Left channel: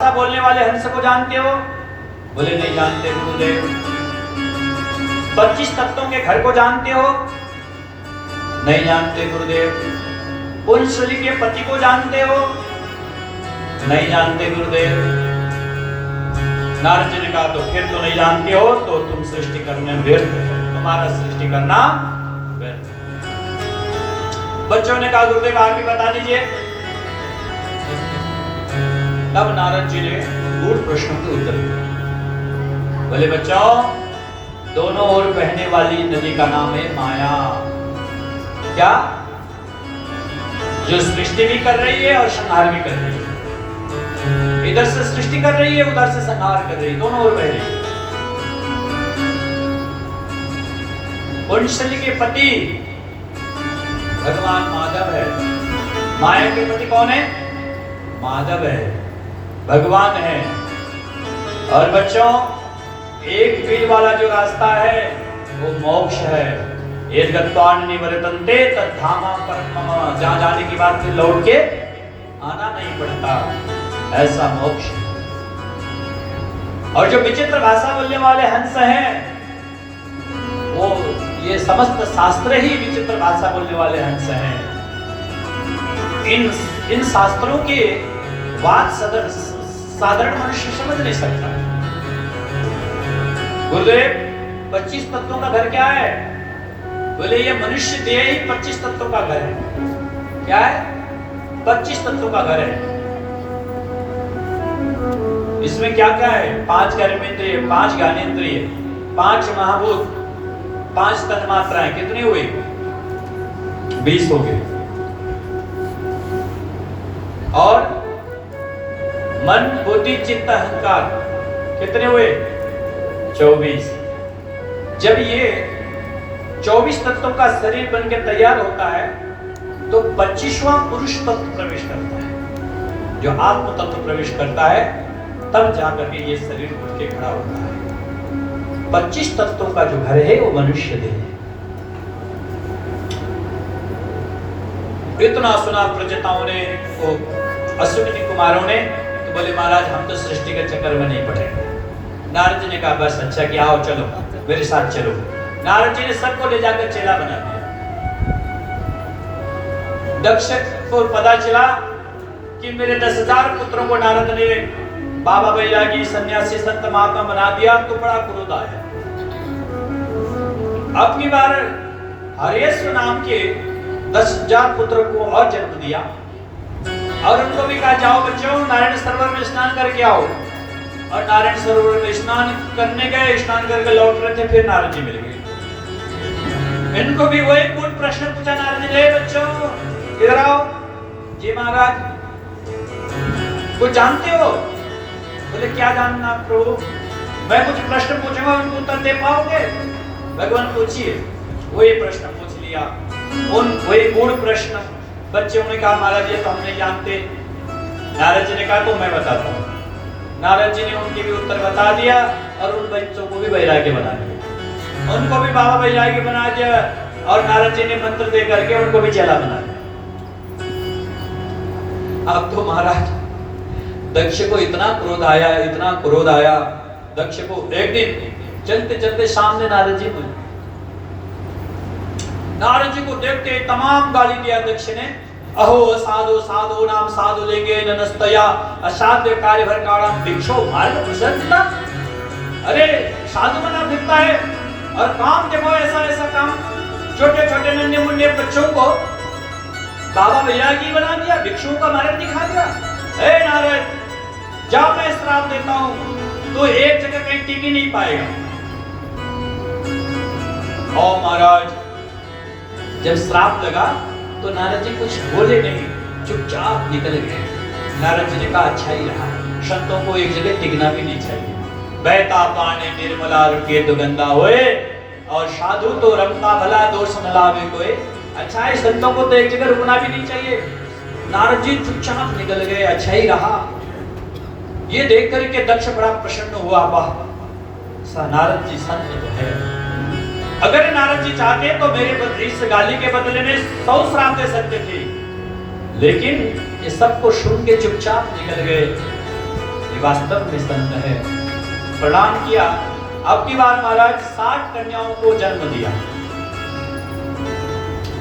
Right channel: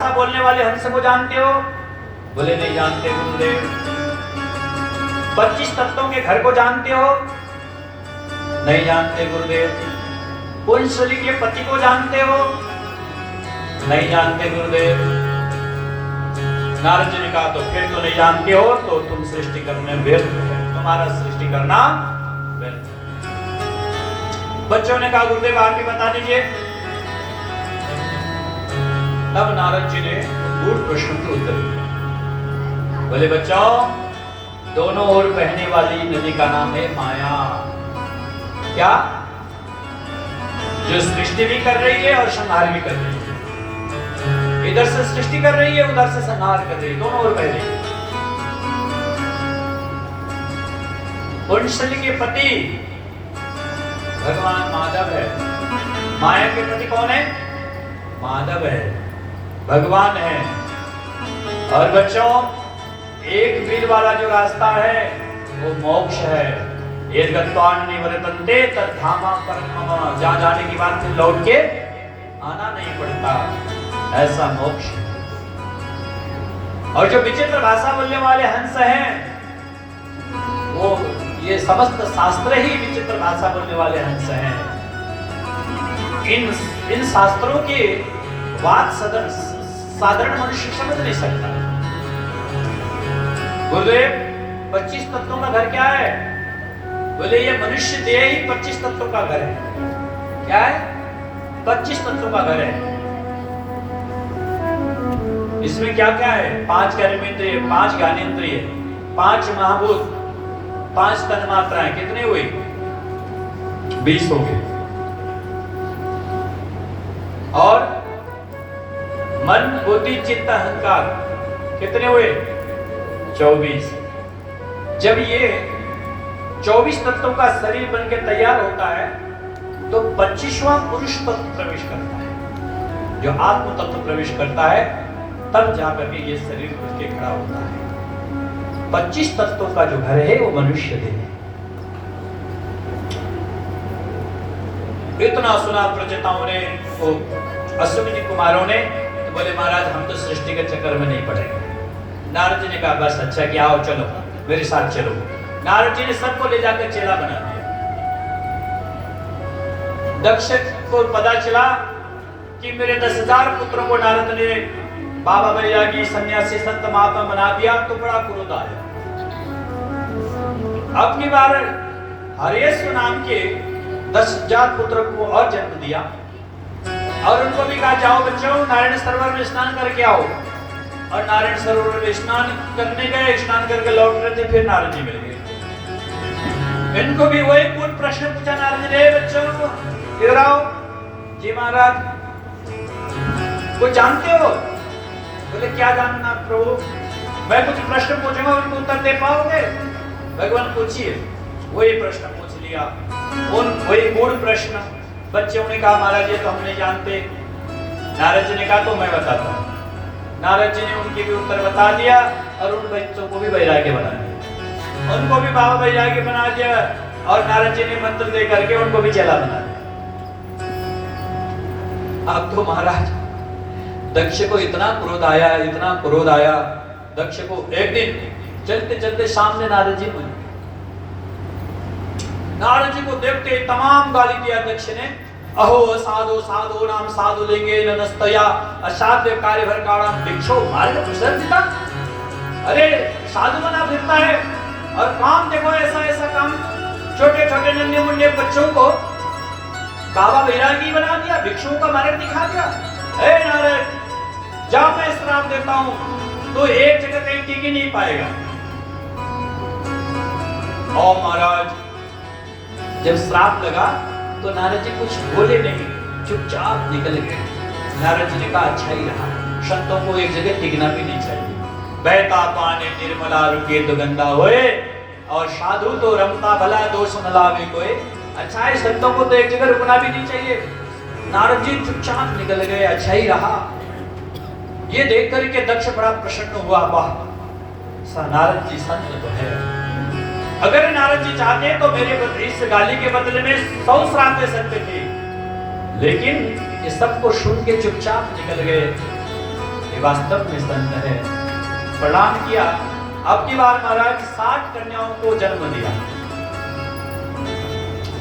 भाषा बोलने वाले हंस को जानते हो? बोले नहीं जानते गुरुदेव। 25 तत्वों के घर को जानते हो? नहीं जानते गुरुदेव। पुंसली के पति को जानते हो? नहीं जानते गुरुदेव। नारद जी ने कहा तो फिर तो नहीं जानते हो तो तुम सृष्टि करने व्यर्थ है, तुम्हारा सृष्टि करना व्यर्थ। बच्चों ने कहा गुरुदेव आप ही बता दीजिए। तब नारद जी ने गूढ़ प्रश्न के उत्तर दिया। बोले बच्चों, दोनों ओर बहने वाली नदी का नाम है माया। क्या? जो सृष्टि भी कर रही है और संहार भी कर रही है। इधर से सृष्टि कर रही है, उधर से संहार कर रही है, दोनों ओर बह रही है। पुंसली के पति भगवान माधव है, माया के पति कौन है? माधव है, भगवान है। और बच्चों, एक बिल वाला जो रास्ता है वो मोक्ष है। यद्गत्वान निवर्तन्ते तद्धामा परम मम, जहाँ जाने की बात फिर लौट के आना नहीं पड़ता, ऐसा मोक्ष है। और जो विचित्र भाषा बोलने वाले हंस हैं, वो ये समस्त शास्त्र ही विचित्र भाषा बोलने वाले हंस हैं। इन शास्त्रों के बात साधारण मनुष्य समझ नहीं सकता। गुरुदेव 25 तत्वों का घर क्या है? बोले ये मनुष्य देह ही 25 तत्वों का घर है। क्या है? 25 तत्वों का घर है। इसमें क्या क्या है? 5 कर्मेंद्रिय, 5 ज्ञानेंद्रिय, 5 महाभूत, 5 तन्मात्राएं। कितनी हुई? 20 हो गए। और मन बुद्धि चित्त अहंकार कितने हुए? 24। जब ये 24 तत्वों का शरीर बन के तैयार होता है तो 25वां पुरुष तत्व प्रवेश करता है। जो आत्म तत्व प्रवेश करता है तब जाकर के ये शरीर उठ के खड़ा होता है। 25 तत्वों का जो घर है वो मनुष्य देह है। इतना सुना प्रजताओं ने, अश्विनी कुमारों ने, तो बोले महाराज हम तो सृष्टि के चक्कर में नहीं पड़ेंगे। नारद जी ने कहा बस अच्छा कि आओ चलो मेरे साथ चलो। नारद जी ने सबको ले जाकर चेला बना दिया। दक्ष को पता चला कि मेरे 10,000 पुत्रों को नारद ने बाबा बैरागी सन्यासी संत महात्मा बना दिया, तो बड़ा क्रोध आया। अब की बार हरेश्वर नाम के 10,000 पुत्रों को और जन्म दिया और उनको भी कहा जाओ बच्चों नारायण सरोवर में स्नान करके आओ। और नारायण सरोवर में स्नान करने गए, स्नान करके लौट रहे थे, फिर नारद जी मिल गए। इनको भी वही पूर्ण प्रश्न पूछा नारद जी ने, बच्चों इधर आओ। जी महाराज कुछ जानते हो? बोले क्या जानना प्रभु? मैं कुछ प्रश्न पूछूंगा उनको उत्तर दे पाओगे? भगवान पूछिए। वही प्रश्न पूछ लिया, वही मूल प्रश्न। बच्चों ने कहा महाराज ये तो हम नहीं जानते। नारद जी ने कहा तो मैं बताता हूँ। नारद जी ने उनके भी उत्तर बता दिया और उन बच्चों को भी वैराग्य बना दिया, उनको भी बाबा वैराग्य बना दिया। और नारद जी ने मंत्र दे करके उनको भी चेला बना दिया। अब तो महाराज दक्ष को इतना क्रोध आया, इतना क्रोध आया दक्ष को। एक दिन चलते चलते सामने नारद जी मिले। नारद जी को देखते तमाम गाली दिया दक्ष ने। अहो साधु साधु नाम साधु लेंगे ननस्तया असाध्य कार्य भर काड़म भिक्षो मार्ग प्रसन्नता। अरे साधु बना फिरता है और काम देखो ऐसा ऐसा काम। छोटे छोटे नन्हे मुन्ने बच्चों को बाबा बैरागी बना दिया, भिक्षुओं का मार्ग दिखा दिया। ए नारद जा मैं श्राप देता हूं, तो एक जगह कहीं टिक ही नहीं पाएगा। ओ महाराज जब श्राप लगा तो नारद जी कुछ बोले नहीं, चुपचाप निकल गए। नारद जी ने कहा अच्छा ही रहा, संतों को एक जगह टिकना भी नहीं चाहिए। बहता पानी निर्मला रुके दुगंधा होए, और साधु तो रमता भला दोष मलावे कोई। अच्छा है, संतों को तो एक जगह रुकना भी नहीं चाहिए। नारद जी चुपचाप निकल गए, अच्छा ही रहा। ये देख करके दक्ष बड़ा प्रसन्न हुआ, वाह नारद जी संत तो है। अगर नारद जी चाहते तो मेरे इस गाली के बदले में 100 श्राप दे सकते थे, लेकिन ये सबको सुन के चुपचाप निकल गए। ये वास्तव में संत है। प्रणाम किया। अब की बार महाराज 60 कन्याओं को जन्म दिया।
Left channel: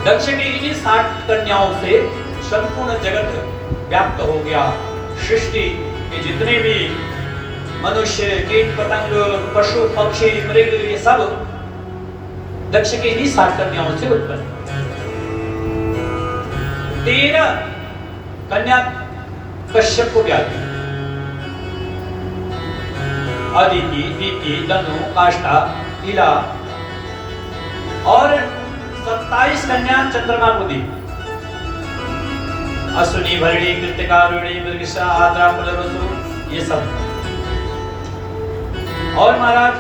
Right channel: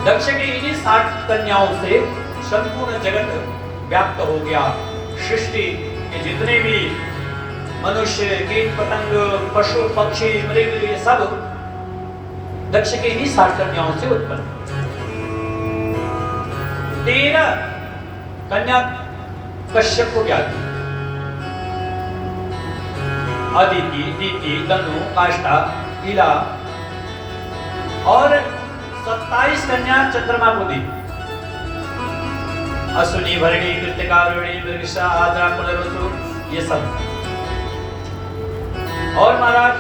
दक्ष की इन्हीं 60 कन्याओं से संपूर्ण जगत व्याप्त हो गया। सृष्टि के जितने भी मनुष्य, कीट पतंग, पशु पक्षी, मृग, ये सब दक्ष के इन्हीं 60 कन्याओं से उत्पन्न। 13 कन्या कश्यप को ब्याह दी। अदिति, दीति, दनु, काष्ठा, ईला और 27 कन्या चंद्रमा को दी। अश्विनी, भरणी, कृत्तिका, रोहिणी, मृगशिरा, आद्रा, पुनर्वसु, ये सब। और महाराज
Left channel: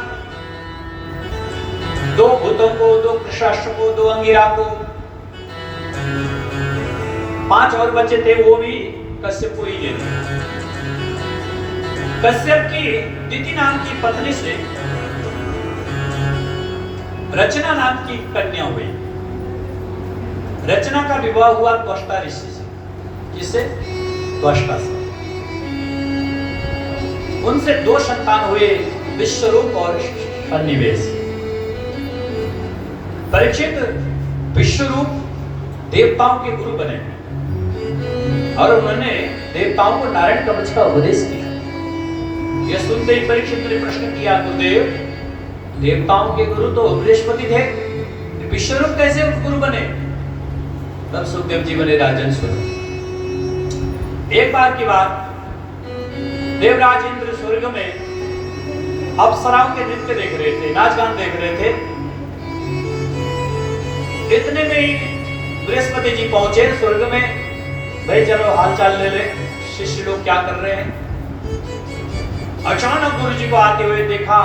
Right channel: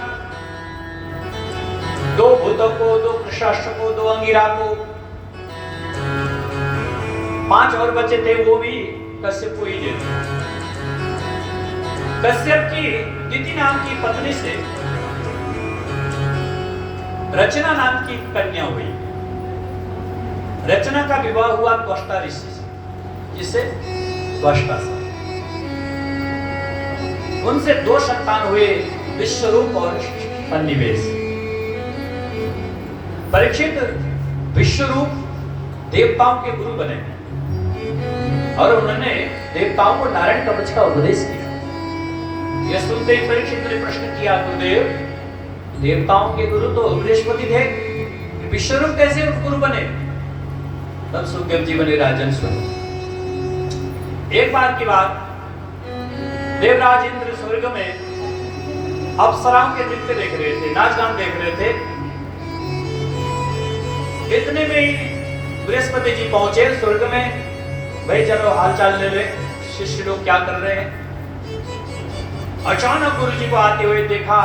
2 भूतों को, 2 कृषाश्व को, 2 अंगिरा को, 5 और बच्चे थे, वो भी कश्यप को ही दे दिए। कश्यप की दिति नाम की पत्नी से रचना नाम की कन्या हुई। रचना का विवाह हुआ त्वष्टा ऋषि से। किससे? त्वष्टा से। उनसे 2 संतान हुए, विश्वरूप और सन्निवेश। परीक्षित विश्वरूप देवताओं के गुरु बने और उन्होंने देवताओं को नारायण कवच का उपदेश किया। यह सुनते ही परीक्षित ने प्रश्न किया, गुरुदेव, देवताओं के गुरु तो बृहस्पति थे, विश्वरूप कैसे गुरु बने? तब सुखदेव जी बने राजन स्वरूप। एक बार की बात, देवराज इंद्र स्वर्ग में अप्सराओं के नृत्य देख रहे थे, नाच गान देख रहे थे। इतने में ही बृहस्पति जी पहुंचे स्वर्ग में। भाई चलो हालचाल ले ले, शिष्य लोग क्या कर रहे हैं। अचानक गुरु जी को आते हुए देखा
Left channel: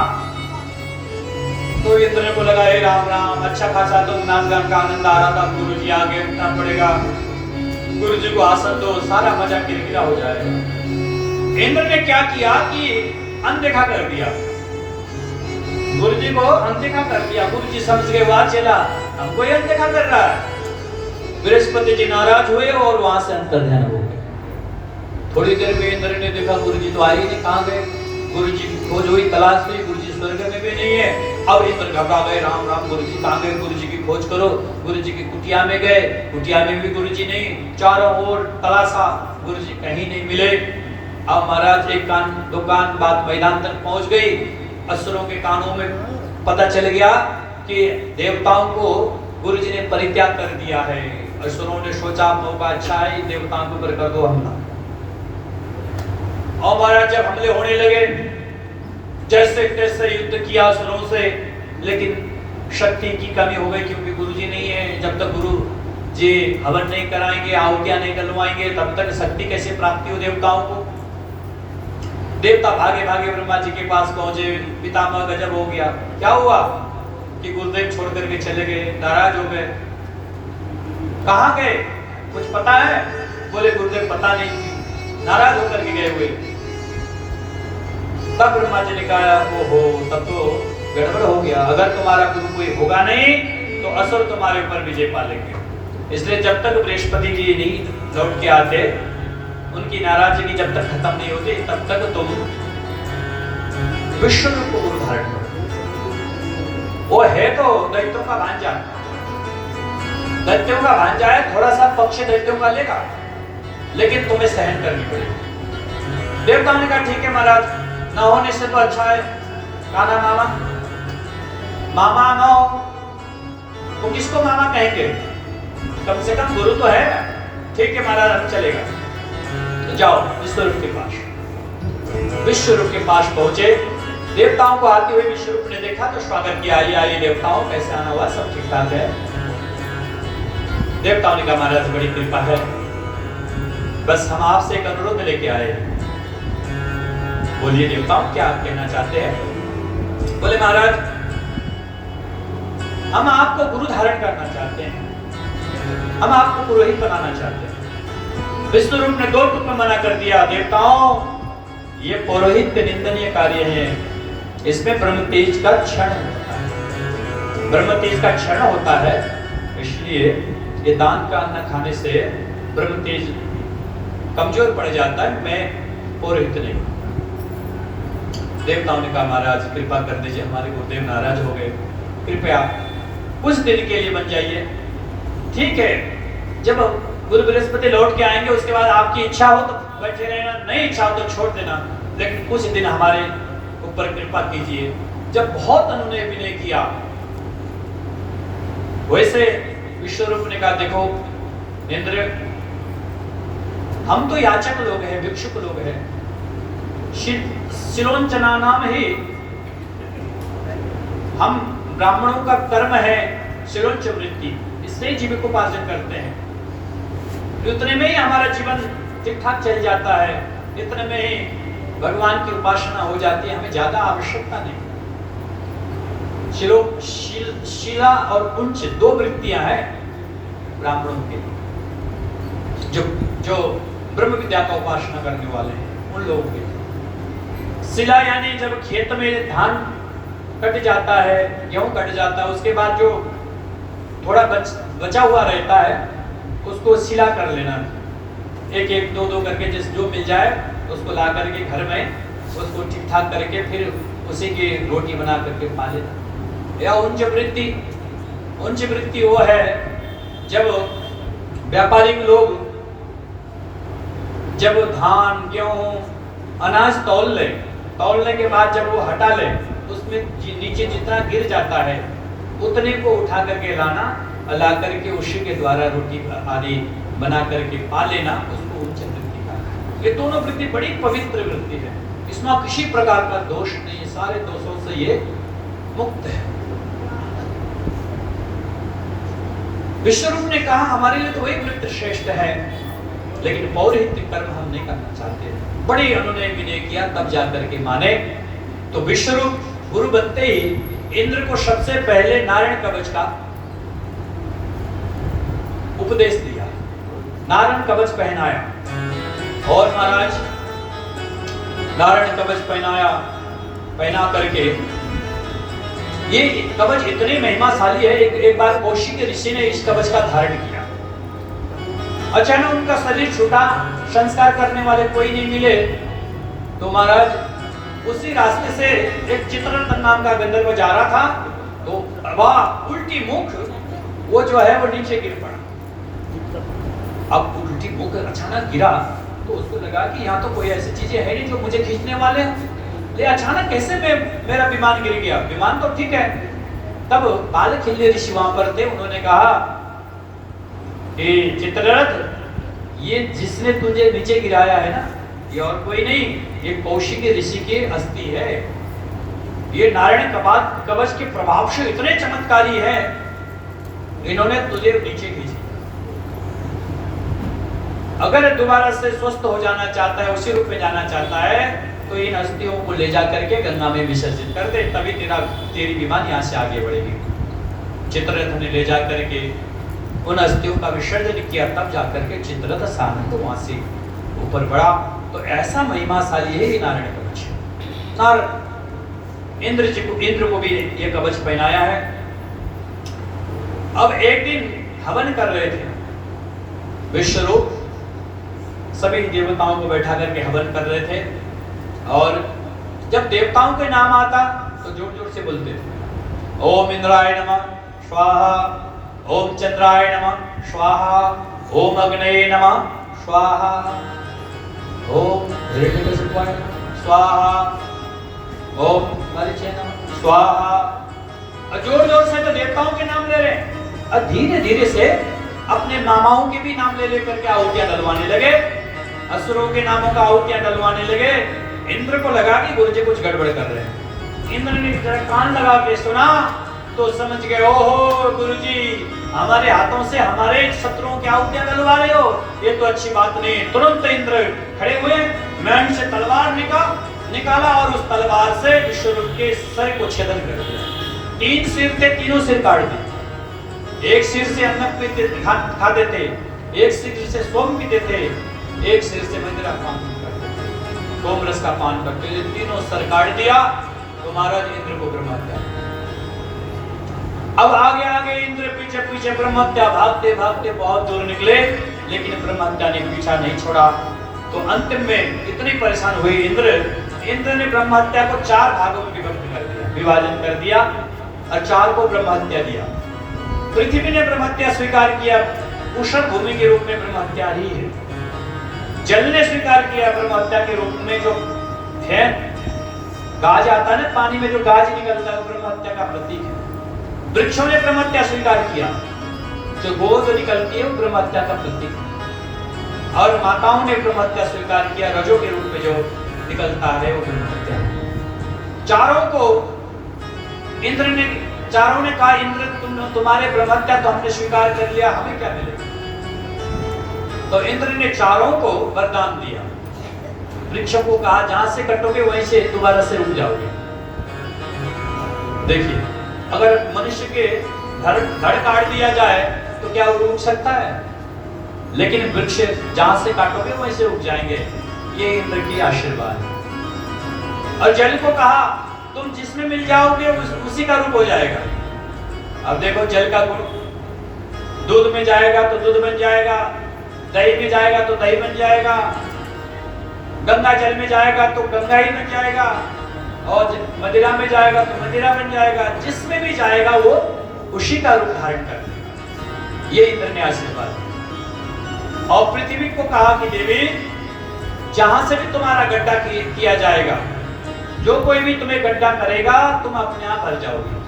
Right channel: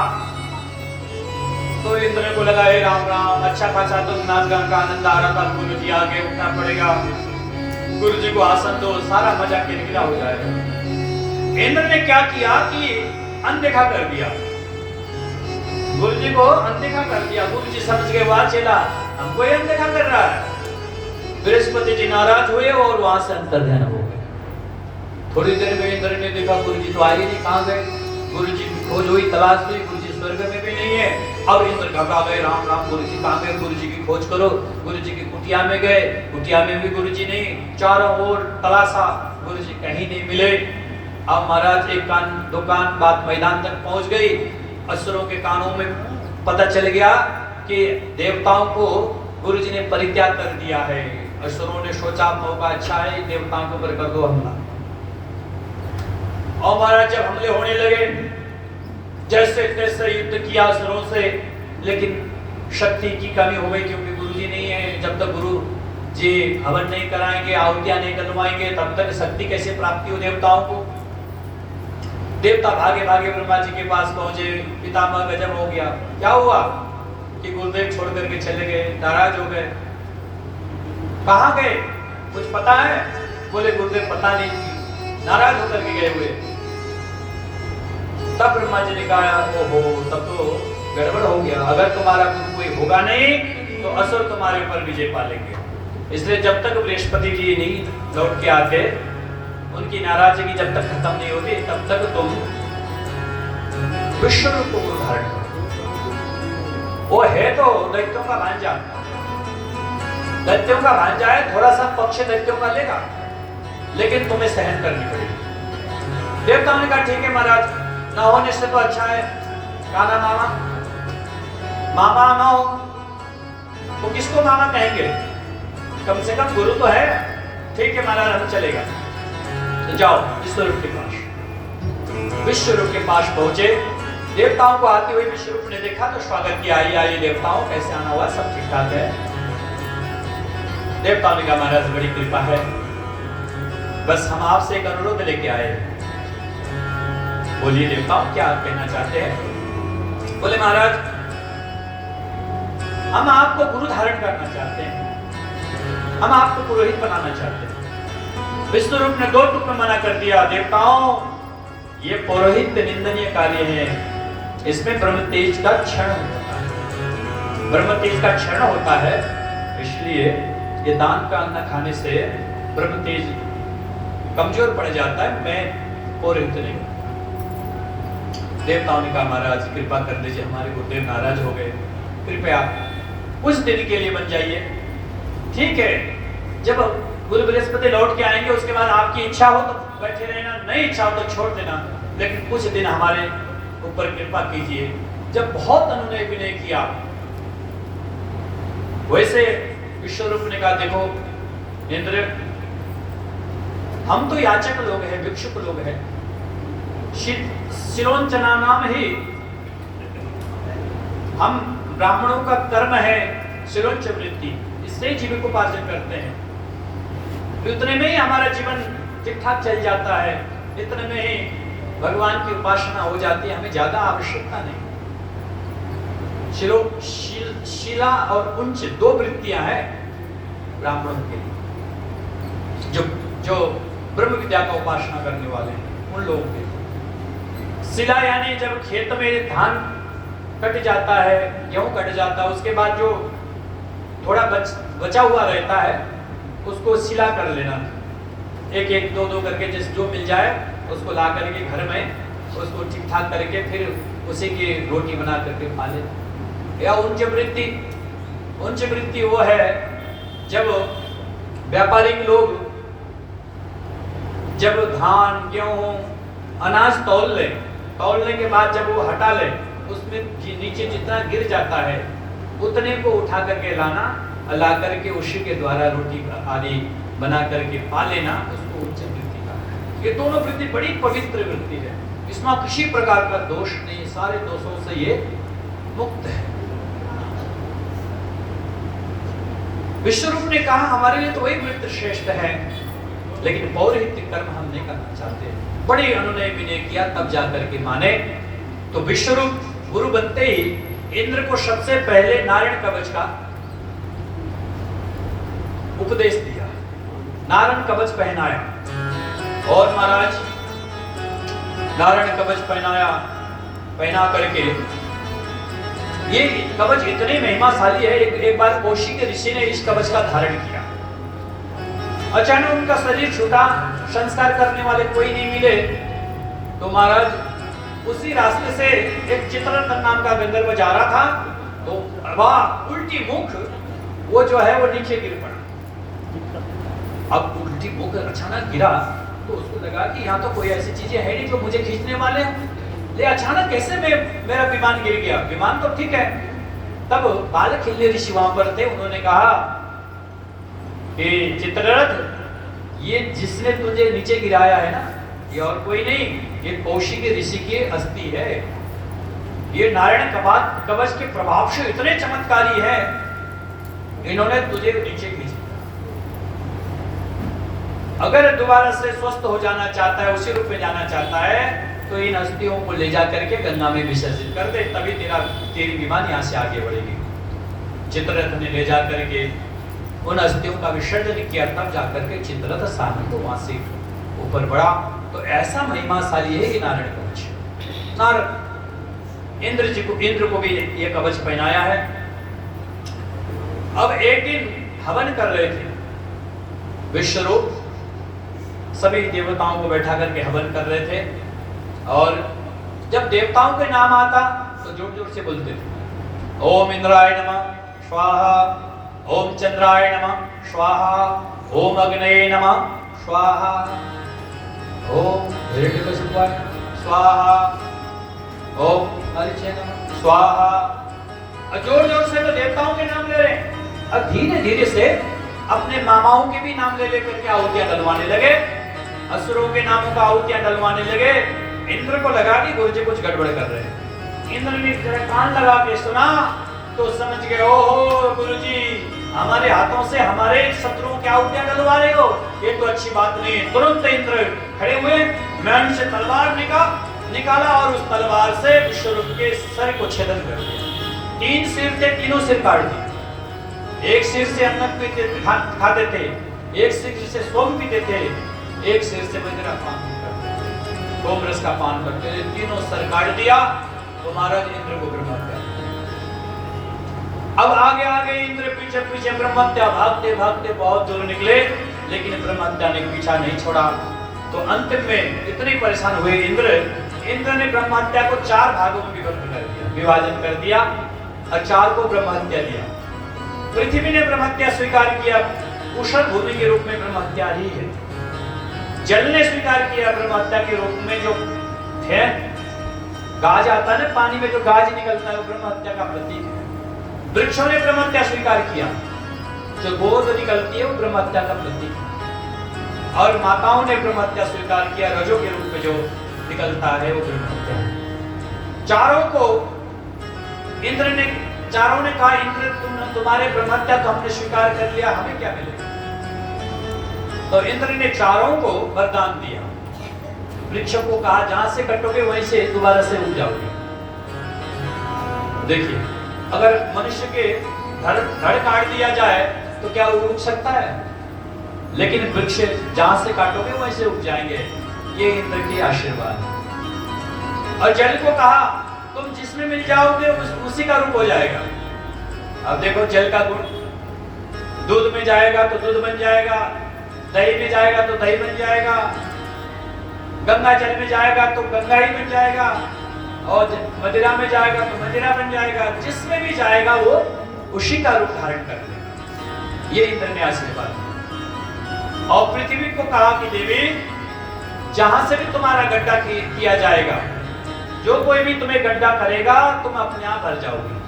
तो इंद्र को लगा, राम राम, अच्छा खासा तो नाच गान का आनंद आ रहा था, गुरु जी आगे उठना पड़ेगा, गुरु जी को आसन दो, सारा मजा किरकिरा हो जाएगा। इंद्र ने क्या किया कि अनदेखा कर दिया, गुरु जी को अनदेखा कर दिया। गुरु जी समझ गए, वाह चला, हमको ये अनदेखा कर रहा है। बृहस्पति जी नाराज हुए और वहां से अंतर्ध्यान हो गए। थोड़ी देर में इंद्र ने देखा गुरु जी तो आ ही नहीं, कहां गए? गुरु जी खोज हुई, तलाश हुई, गुरु जी स्वर्ग में भी नहीं है। अब इंद्र घबरा गए, राम राम, गुरु जी कहां गए? गुरु जी की खोज करो। गुरु जी की कुटिया में गए, कुटिया में भी गुरु जी नहीं, चारों ओर तलाशा, गुरु जी कहीं नहीं मिले। अब महाराज एक कान दो कान बात मैदान तक पहुंच गई। असुरों के कानों में पता चल गया कि देवताओं को गुरु जी ने परित्याग कर दिया है। असुरों ने सोचा मौका अच्छा है, देवताओं के ऊपर कर दो हमला। और महाराज जब हमले होने लगे, जैसे तैसे युद्ध किया असुरों से, लेकिन शक्ति की कमी हो गई क्योंकि गुरु जी नहीं है। जब तक गुरु जी हवन नहीं कराएंगे, आहुतियां नहीं डलवाएंगे, तब तक शक्ति कैसे प्राप्ति हो देवताओं को। देवता भागे भागे ब्रह्मा जी के पास पहुंचे। पितामह गजब हो गया। क्या हुआ कि गुरुदेव छोड़ करके चले गए, नाराज हो गए। कहां गए, कुछ पता है? बोले गुरुदेव पता नहीं, नाराज होकर के गए हुए। तब ब्रह्मा जी ने कहा, ओहो, तब तो गड़बड़ हो गया। अगर तुम्हारा गुरु कोई होगा नहीं तो असुर तुम्हारे ऊपर विजय पालेंगे। इसलिए जब तक बृहस्पति जी नहीं लौट के आते, उनकी नाराजगी जब तक खत्म नहीं होती, तब तक तुम विश्वरूप को धारण करो। वो है तो दैत्यों का भांजा, दैत्यों का भांजा है, थोड़ा सा पक्ष दैत्यों का लेगा, लेकिन तुम्हें सहन करनी पड़ेगी। देवताओं ने कहा ठीक है महाराज, न होने से तो अच्छा है। काला मामा, मामा ना हो तो किसको मामा कहेंगे? कम से कम गुरु तो है। ठीक है महाराज, हम चलेगा। तो जाओ विश्वरूप के पास। विश्वरूप के पास पहुंचे। देवताओं को आते हुए विश्वरूप ने देखा तो स्वागत किया, आइए आइए देवताओं, कैसे आना हुआ? सब ठीक ठाक है। देवताओं ने कहा महाराज बड़ी कृपा है, बस हम आपसे एक अनुरोध लेके आए। बोलिए देवताओं, क्या आप कहना चाहते हैं? बोले महाराज, हम आपको गुरु धारण करना चाहते हैं, हम आपको पुरोहित बनाना चाहते हैं। विष्णुरूप ने 2 टुक में मना कर दिया। देवताओं, ये पुरोहित निंदनीय कार्य है, इसमें ब्रह्म तेज का क्षरण होता है, ब्रह्म तेज का क्षरण होता है। इसलिए ये दान का अन्न खाने से ब्रह्म तेज कमजोर पड़ जाता है। मैं पुरोहित नहीं। देवताओं ने कहा महाराज कृपा कर दीजिए, हमारे गुरुदेव नाराज हो गए, कृपया कुछ दिन के लिए बन जाइए। ठीक है, जब गुरु बृहस्पति लौट के आएंगे उसके बाद आपकी इच्छा हो तो बैठे रहना, नहीं इच्छा हो तो छोड़ देना, लेकिन कुछ दिन हमारे ऊपर कृपा कीजिए। जब बहुत अनुनय विनय किया, वैसे विश्वरूप ने कहा देखो इंद्र, हम तो याचक लोग हैं, भिक्षुक लोग हैं, शिलोंचना नाम ही हम ब्राह्मणों का कर्म है शिलोंच वृत्ति, इससे जीविकोपार्जन करते हैं। इतने में ही हमारा जीवन ठीक ठाक चल जाता है, इतने में ही भगवान की उपासना हो जाती है, हमें ज्यादा आवश्यकता नहीं। शिला और उंच दो वृत्तियां हैं ब्राह्मणों के लिए, जो ब्रह्म विद्या का उपासना करने वाले हैं उन लोगों के लिए। शिला यानी जब खेत में धान कट जाता है, गेहूं कट जाता है, उसके बाद जो थोड़ा बचा हुआ रहता है उसको शिला कर लेना, एक एक दो दो करके जिस जो मिल जाए उसको ला करके घर में उसको ठीक ठाक करके फिर उसी की रोटी बना करके खा लेना। या उंच वृत्ति वो है जब व्यापारिक लोग जब धान गेहूं अनाज तौलने के बाद जब वो हटा ले, उसमें नीचे जितना गिर जाता है उतने को उठा करके लाना, ला करके उसी के द्वारा रोटी आदि बना करके पा लेना, उसको उच्च वृत्ति कहा है। ये दोनों वृत्ति बड़ी पवित्र वृत्ति है, इसमें किसी प्रकार का दोष नहीं, सारे दोषों से ये मुक्त है। विश्वरूप ने कहा हमारे लिए तो वही वृत्ति श्रेष्ठ है, लेकिन पौरोहित्य कर्म हम नहीं करना चाहते। बड़े अनुनय विनय किया तब जाकर के माने। तो विश्वरूप गुरु बनते ही इंद्र को सबसे पहले नारायण कवच का उपदेश दिया, नारायण कवच पहनाया। और महाराज नारायण कवच पहना करके ये कवच इतनी महिमाशाली है। एक बार कौशिक ऋषि ने इस कवच का धारण किया, अचानक उनका शरीर छूटा, संस्कार करने वाले कोई नहीं मिले, तो महाराज उसी रास्ते से एक चित्ररथ नाम का गंधर्व जा रहा था, तो वाह उल्टी मुख वो जो है वो नीचे गिर पड़ा। अब उल्टी मुख अचानक गिरा तो उसको लगा कि यहाँ तो कोई ऐसी चीजें है नहीं जो मुझे खींचने वाले हैं, ले अचानक कैसे मेरा विमान गिर गया। विमान तो ठीक है। तब बालखिल्य ऋषि वहां पर थे, उन्होंने कहा कि चित्ररथ, ये जिसने तुझे नीचे गिराया है ना, ये और कोई नहीं, ये कौशिक ऋषि की अस्थि है। ये नारायण कवच के प्रभाव से इतने चमत्कारी है, इन्होंने तुझे नीचे खींच लिया। अगर दोबारा से स्वस्थ हो जाना चाहता है, उसी रूप में जाना चाहता है, तो इन अस्थियों को ले जा करके गंगा में विसर्जित कर दे, तभी तेरी विमान यहाँ से आगे बढ़ेगी। चित्ररथ ने ले जा करके उन अस्थियों का विसर्जन किया, तब जाकर के चित्ररथ सामने वहां से ऊपर बढ़ा। तो ऐसा महिमाशाली है ये नारायण कवच। इंद्र को भी ये कवच पहनाया है। अब एक दिन हवन कर रहे थे विश्वरूप, सभी देवताओं को बैठा करके हवन कर रहे थे, और जब देवताओं के नाम आता तो जोर जोर से बोलते थे, ओम इंद्राय नमः स्वाहा, ओम चंद्राय नमः स्वाहा, ओम अग्नये नमः स्वाहा, ओम हिरण्यकशिपाय स्वाहा, ओम मरीचे नमः स्वाहा। जोर जोर से तो देवताओं के नाम ले रहे हैं, और धीरे धीरे से अपने मामाओं के भी नाम ले लेकर के आहुतियां डलवाने लगे, असुरों के नामों का आहुतियां डलवाने लगे। इंद्र को लगा कि गुरुजी कुछ गड़बड़ कर रहे हैं। इंद्र ने जरा कान लगा के सुना तो समझ गए, ओहो गुरुजी हमारे हाथों से हमारे शत्रुओं की आहुतियां डलवा रहे हो, ये तो अच्छी बात नहीं। तुरंत इंद्र खड़े हुए, मैंड से तलवार निकाला और उस तलवार से विश्वरूप के सर को छेदन कर दिया। 3 सिर थे, तीनों सिर काट दिए। एक सिर से अन्न खाते थे, एक सिर से सोम पीते थे, एक सिर से मदिरा पान करते थे, सोम रस का पान करते थे। तीनों सर काट दिया तो महाराज इंद्र को ब्रह्महत्या। अब आगे आगे इंद्र पीछे पीछे ब्रह्महत्या, भागते भागते बहुत दूर निकले, लेकिन ब्रह्महत्या ने पीछा नहीं छोड़ा। तो अंतिम में इतने परेशान हुए इंद्र इंद्र ने ब्रह्म हत्या को 4 भागों में विभक्त कर दिया, विभाजन कर दिया और 4 को ब्रह्म हत्या दिया। पृथ्वी ने ब्रह्म हत्या स्वीकार किया, उषर भूमि के रूप में ब्रह्म हत्या ही है। जल ने स्वीकार किया ब्रह्म हत्या के रूप में, जो है गाज आता है ना पानी में, जो गाज निकलता है वो ब्रह्म हत्या का प्रतीक है। वृक्षों ने ब्रह्म हत्या स्वीकार किया, जो गोद निकलती है वो ब्रह्म हत्या का प्रतीक है। और माताओं ने ब्रह्म हत्या स्वीकार किया, रजो के रूप में जो निकलता है वो ब्रह्म हत्या। चारों को इंद्र ने, चारों ने कहा इंद्र तुम्हारे ब्रह्म हत्या तो हमने स्वीकार कर लिया, हमें क्या मिलेगा? तो इंद्र ने चारों को वरदान दिया। वृक्षों को कहा जहां से कटोगे वहीं से दोबारा से उग जाओगे। देखिए, अगर मनुष्य के धड़ काट दिया जाए तो क्या वो उग सकता है? लेकिन वृक्ष जहां से काटोगे वहीं से उग जाएंगे। ये इंद्र की आशीर्वाद है। और जल को कहा तुम जिसमें मिल जाओगे उसी का रूप हो जाएगा। अब देखो जल का गुण, दूध में जाएगा तो दूध बन जाएगा, दही में जाएगा तो दही बन जाएगा, गंगा जल में जाएगा तो गंगा ही बन जाएगा, और मदिरा में जाएगा तो मदिरा बन जाएगा। जिसमें भी जाएगा वो उसी का रूप धारण कर लेगा। ये इंद्र ने आशीर्वाद। और पृथ्वी को कहा कि देवी जहां से भी तुम्हारा गड्ढा किया जाएगा, जो कोई भी तुम्हें गड्ढा करेगा तुम अपने आप भर जाओगे।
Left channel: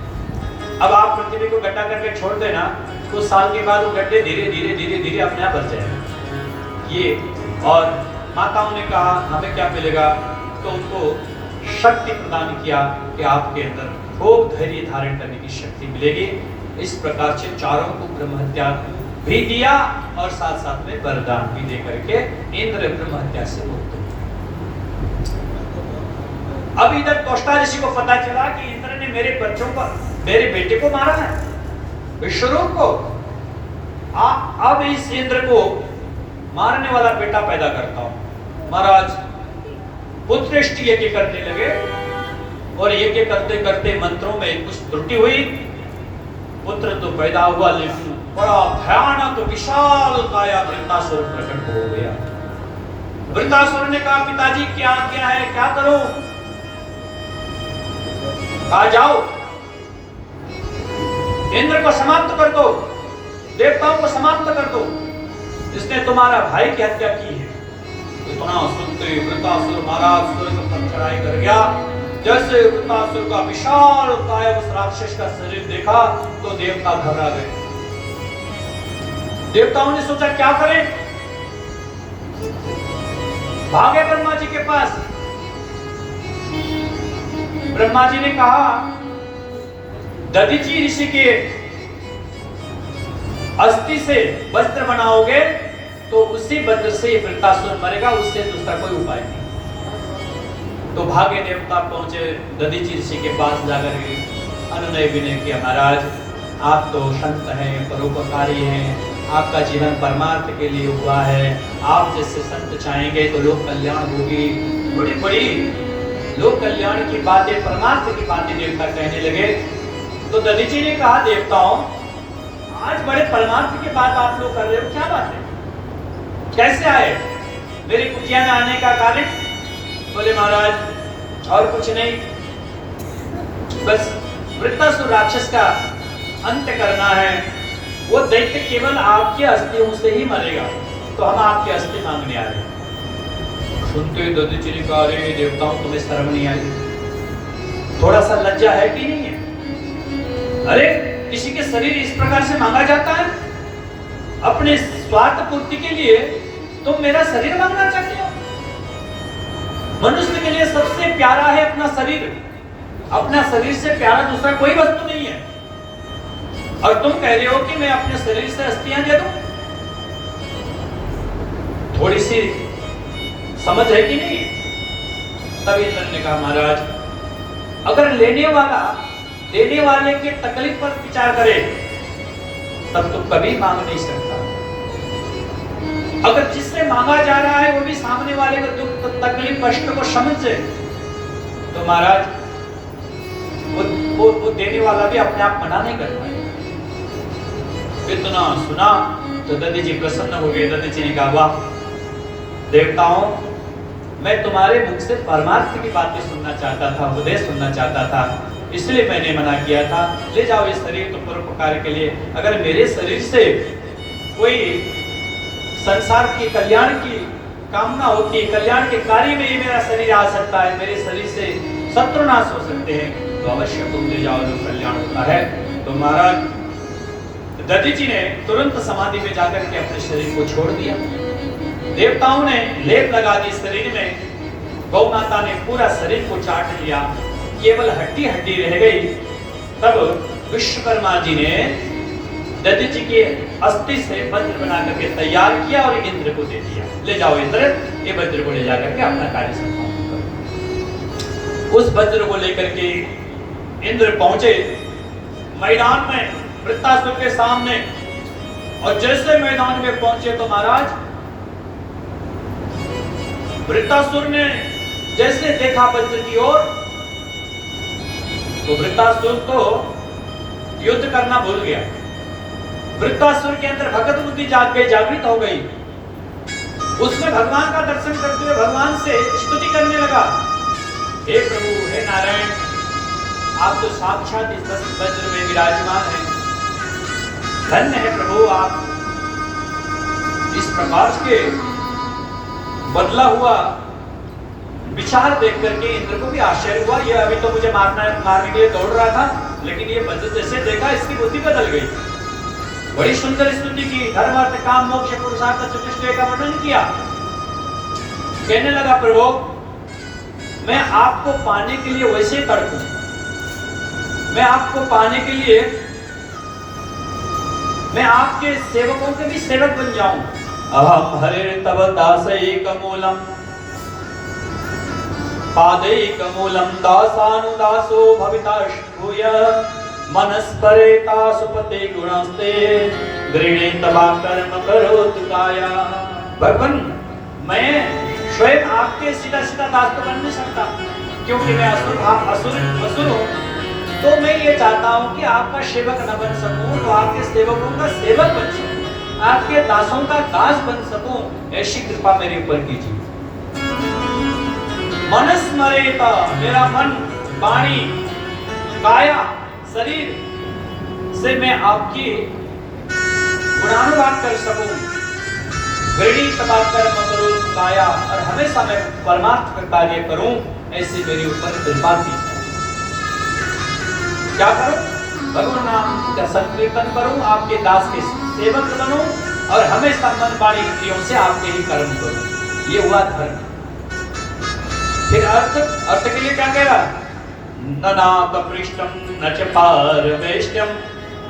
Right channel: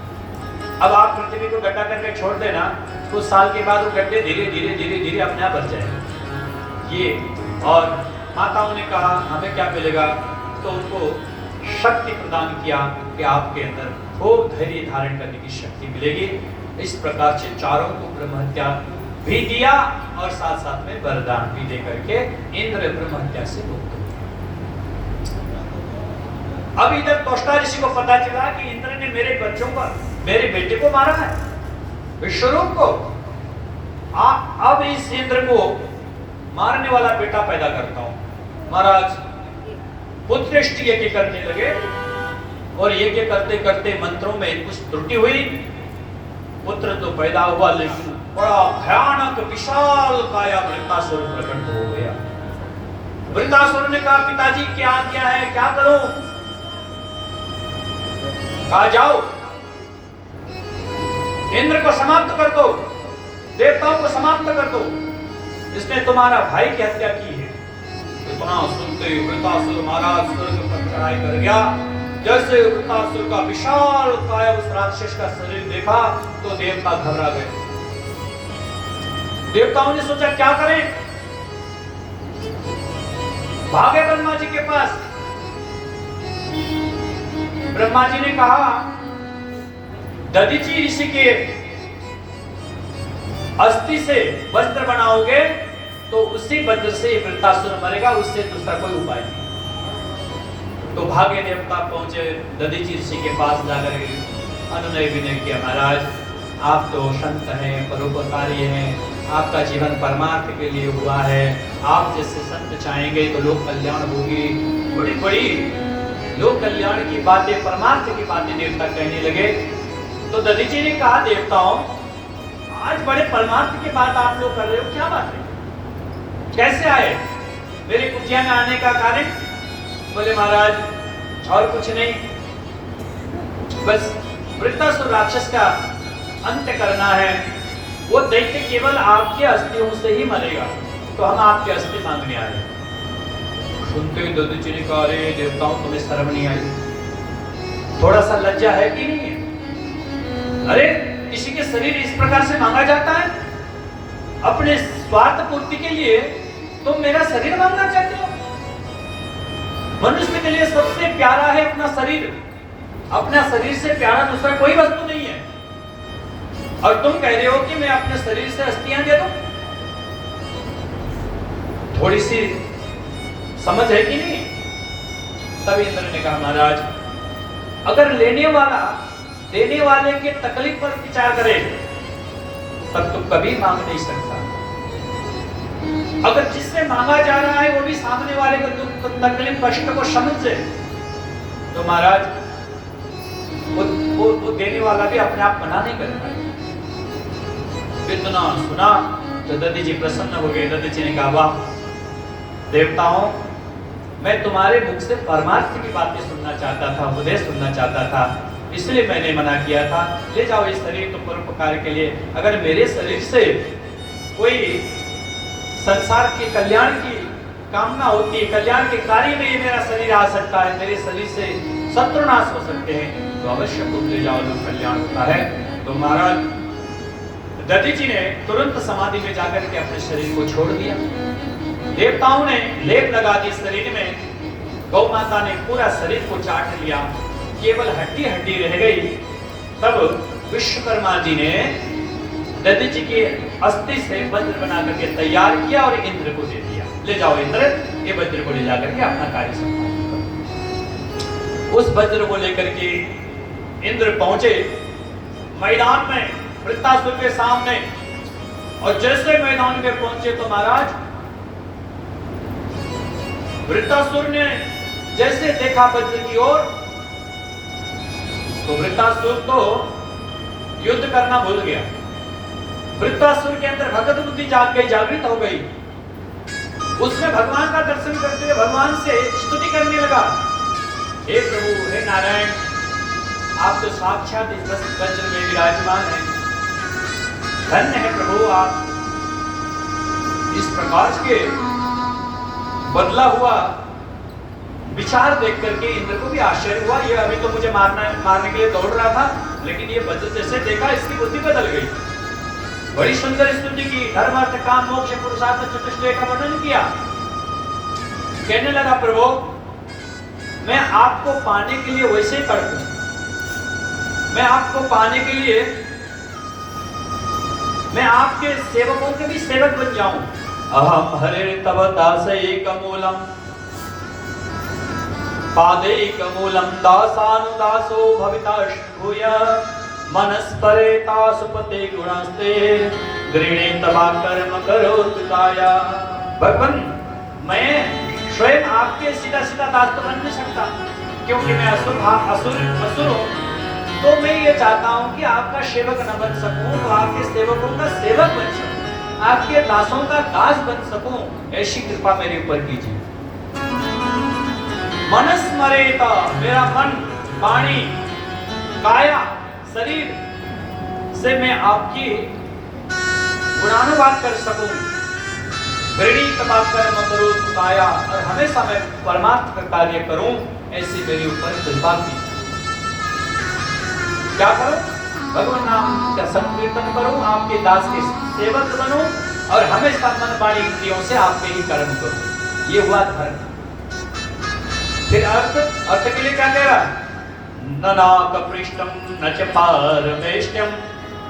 अब आप पृथ्वी को गड्ढा करके छोड़ देना, कुछ साल के बाद वो गड्ढे धीरे धीरे धीरे धीरे अपने आप भर जाएंगे। ये और माताओं ने कहा हमें क्या मिलेगा? तो उनको शक्ति प्रदान किया कि आपके अंदर खूब धैर्य धारण करने की शक्ति मिलेगी। इस प्रकार से चारों को ब्रह्म हत्या भी दिया और साथ साथ में वरदान भी दे करके इंद्र ब्रह्म हत्या से मुक्त हुए। अब इधर त्वष्टा ऋषि को पता चला कि इंद्र ने मेरे बच्चों को, मेरे बेटे को मारा है, विश्वरूप को। अब इस इंद्र को मारने वाला बेटा पैदा करता हूं। महाराज पुत्रष्टि यज्ञ करने लगे और यज्ञ करते करते मंत्रों में कुछ त्रुटि हुई। पुत्र तो पैदा हुआ लेकिन बड़ा भयानक विशाल काया वृत्तासुर प्रकट हो गया। वृत्तासुर ने कहा पिताजी क्या क्या है, क्या करूं? कहा जाओ इंद्र को समाप्त कर दो, देवताओं को समाप्त कर दो, इसने तुम्हारा भाई की हत्या की है। इतना सुनते वृत्तासुर महाराज स्वर्ग पर चढ़ाई कर गया। जैसे वृत्तासुर का विशाल काया उस राक्षस का शरीर देखा तो देवता घबरा गए। देवताओं ने सोचा क्या करें, भागे ब्रह्मा जी के पास। ब्रह्मा जी ने कहा दधीचि ऋषि के अस्थि से वस्त्र बनाओगे तो उसी वज्र से ये वृत्तासुर मरेगा, उससे दूसरा कोई उपाय नहीं। तो भागे देवता पहुंचे दधीचि ऋषि के पास जाकर अनुनय विनय किया, महाराज आप तो संत हैं, परोपकारी हैं, आपका जीवन परमार्थ के लिए हुआ है, आप जैसे संत चाहेंगे तो लोक कल्याण होगी। बड़ी बड़ी लोक कल्याण की बातें, परमार्थ की बातें देवता कहने लगे। तो दधीचि ने कहा देवताओं आज बड़े परमार्थ की बात आप लोग कर रहे हो, क्या बात है, कैसे आए? मेरी कुटिया में आने का कारण? बोले महाराज और कुछ नहीं, बस वृत्तासुर राक्षस का अंत करना है। वो दैत्य केवल आपकी अस्थियों से ही मरेगा, तो हम आपकी अस्थि मांगने आए। सुनते दधीचि ने कहा अरे देवताओं तुम्हें शर्म नहीं आई? थोड़ा सा लज्जा है कि नहीं है? अरे किसी के शरीर इस प्रकार से मांगा जाता है? अपने स्वार्थ पूर्ति के लिए तुम मेरा शरीर मांगना चाहते हो? मनुष्य के लिए सबसे प्यारा है अपना शरीर, अपना शरीर से प्यारा दूसरा कोई वस्तु नहीं है। और तुम कह रहे हो कि मैं अपने शरीर से अस्थियां दे दूं? थोड़ी सी समझ है कि नहीं? तब इंद्र ने कहा महाराज अगर लेने वाला देने वाले के तकलीफ पर विचार करे तब तो कभी मांग नहीं सकता। अगर जिससे मांगा जा रहा है वो भी सामने वाले का दुख तकलीफ कष्ट को समझे तो महाराज वो देने वाला भी अपने आप मना नहीं करता। इतना सुना तो दधीचि प्रसन्न हो गए। दधीचि ने कहा वाह देवताओं मैं तुम्हारे मुख से परमार्थ की बातें सुनना चाहता था, उपदेश सुनना चाहता था, इसलिए मैंने मना किया था। ले जाओ इस शरीर को परोपकार के लिए। अगर मेरे शरीर से कोई संसार के कल्याण की कामना होती है, कल्याण के कार्य में ये मेरा शरीर आ सकता है, मेरे शरीर से शत्रुनाश हो सकते हैं, तो अवश्य तुम ले जाओ, जो कल्याण होता है। तो महाराज दधी जी ने तुरंत समाधि में जाकर के अपने शरीर को छोड़ दिया। देवताओं ने लेप लगा दी शरीर में, गौ माता ने पूरा शरीर को चाट लिया, केवल हड्डी हड्डी रह गई। तब विश्वकर्मा जी ने दधी जी के अस्थि से वज्र बना करके तैयार किया और इंद्र को दे दिया। ले जाओ इंद्र, ये वज्र को ले जाकर के अपना कार्य संपादन करो। उस वज्र को लेकर के इंद्र पहुंचे मैदान में वृत्तासुर के सामने, और जैसे मैदान में पहुंचे तो महाराज वृत्तासुर ने जैसे देखा वज्र की ओर, तो वृत्तासुर तो युद्ध करना भूल गया। वृत्तासुर के अंदर भगत बुद्धि जागृत हो गई। उसने भगवान का दर्शन करते हुए भगवान से स्तुति करने लगा, हे प्रभु, हे नारायण, आप तो साक्षात इस वज्र में विराजमान हैं, धन्य है प्रभु आप। इस प्रकार के बदला हुआ विचार देख करके इंद्र को भी आश्चर्य हुआ। ये अभी तो मुझे मारने के लिए दौड़ रहा था, लेकिन ये वज्र जैसे देखा इसकी बुद्धि बदल गई। बड़ी सुंदर स्तुति की, धर्म अर्थ काम मोक्ष पुरुषार्थ चतुष्टय का वर्णन किया। कहने लगा, प्रभु मैं आपको पाने के लिए वैसे ही तड़पूं, मैं आपको पाने के लिए मैं आपके सेवकों के भी सेवक बन जाऊं। अहम हरे तव दासैकमूलम पादैकमूलम दासानुदासो भविताशूय मनस्परेता सुपते गुणस्ते गृणे तवा कर्म करोतु काया। भगवान, मैं स्वयं आपके सीधा सीधा दास तो बन नहीं सकता, क्योंकि मैं असुर हूं। तो मैं ये चाहता हूं कि आपका सेवक न बन सकूं, तो आपके सेवकों का सेवक बन सकूं, आपके दासों का दास बन सकूं, ऐसी कृपा मेरे ऊपर कीजिए। मनस्मरेता, मेरा मन, वाणी, काया, शरीर से मैं आपकी गुणानुवाद कर सकूं। गृणी तथा कर्म करोतु काया, और हमेशा मैं परमार्थ का कार्य करूं, ऐसी मेरे ऊपर कृपा कीजिए। क्या करूं? भगवान नाम का संकीर्तन करूं, आपके दास के सेवक बनूं, और हमेशा मन वाणी इंद्रियों से आपके ही कर्म करूं। ये हुआ धर्म। फिर अर्थ के लिए क्या कह रहा? न नाकपृष्टम न च पारमेष्टम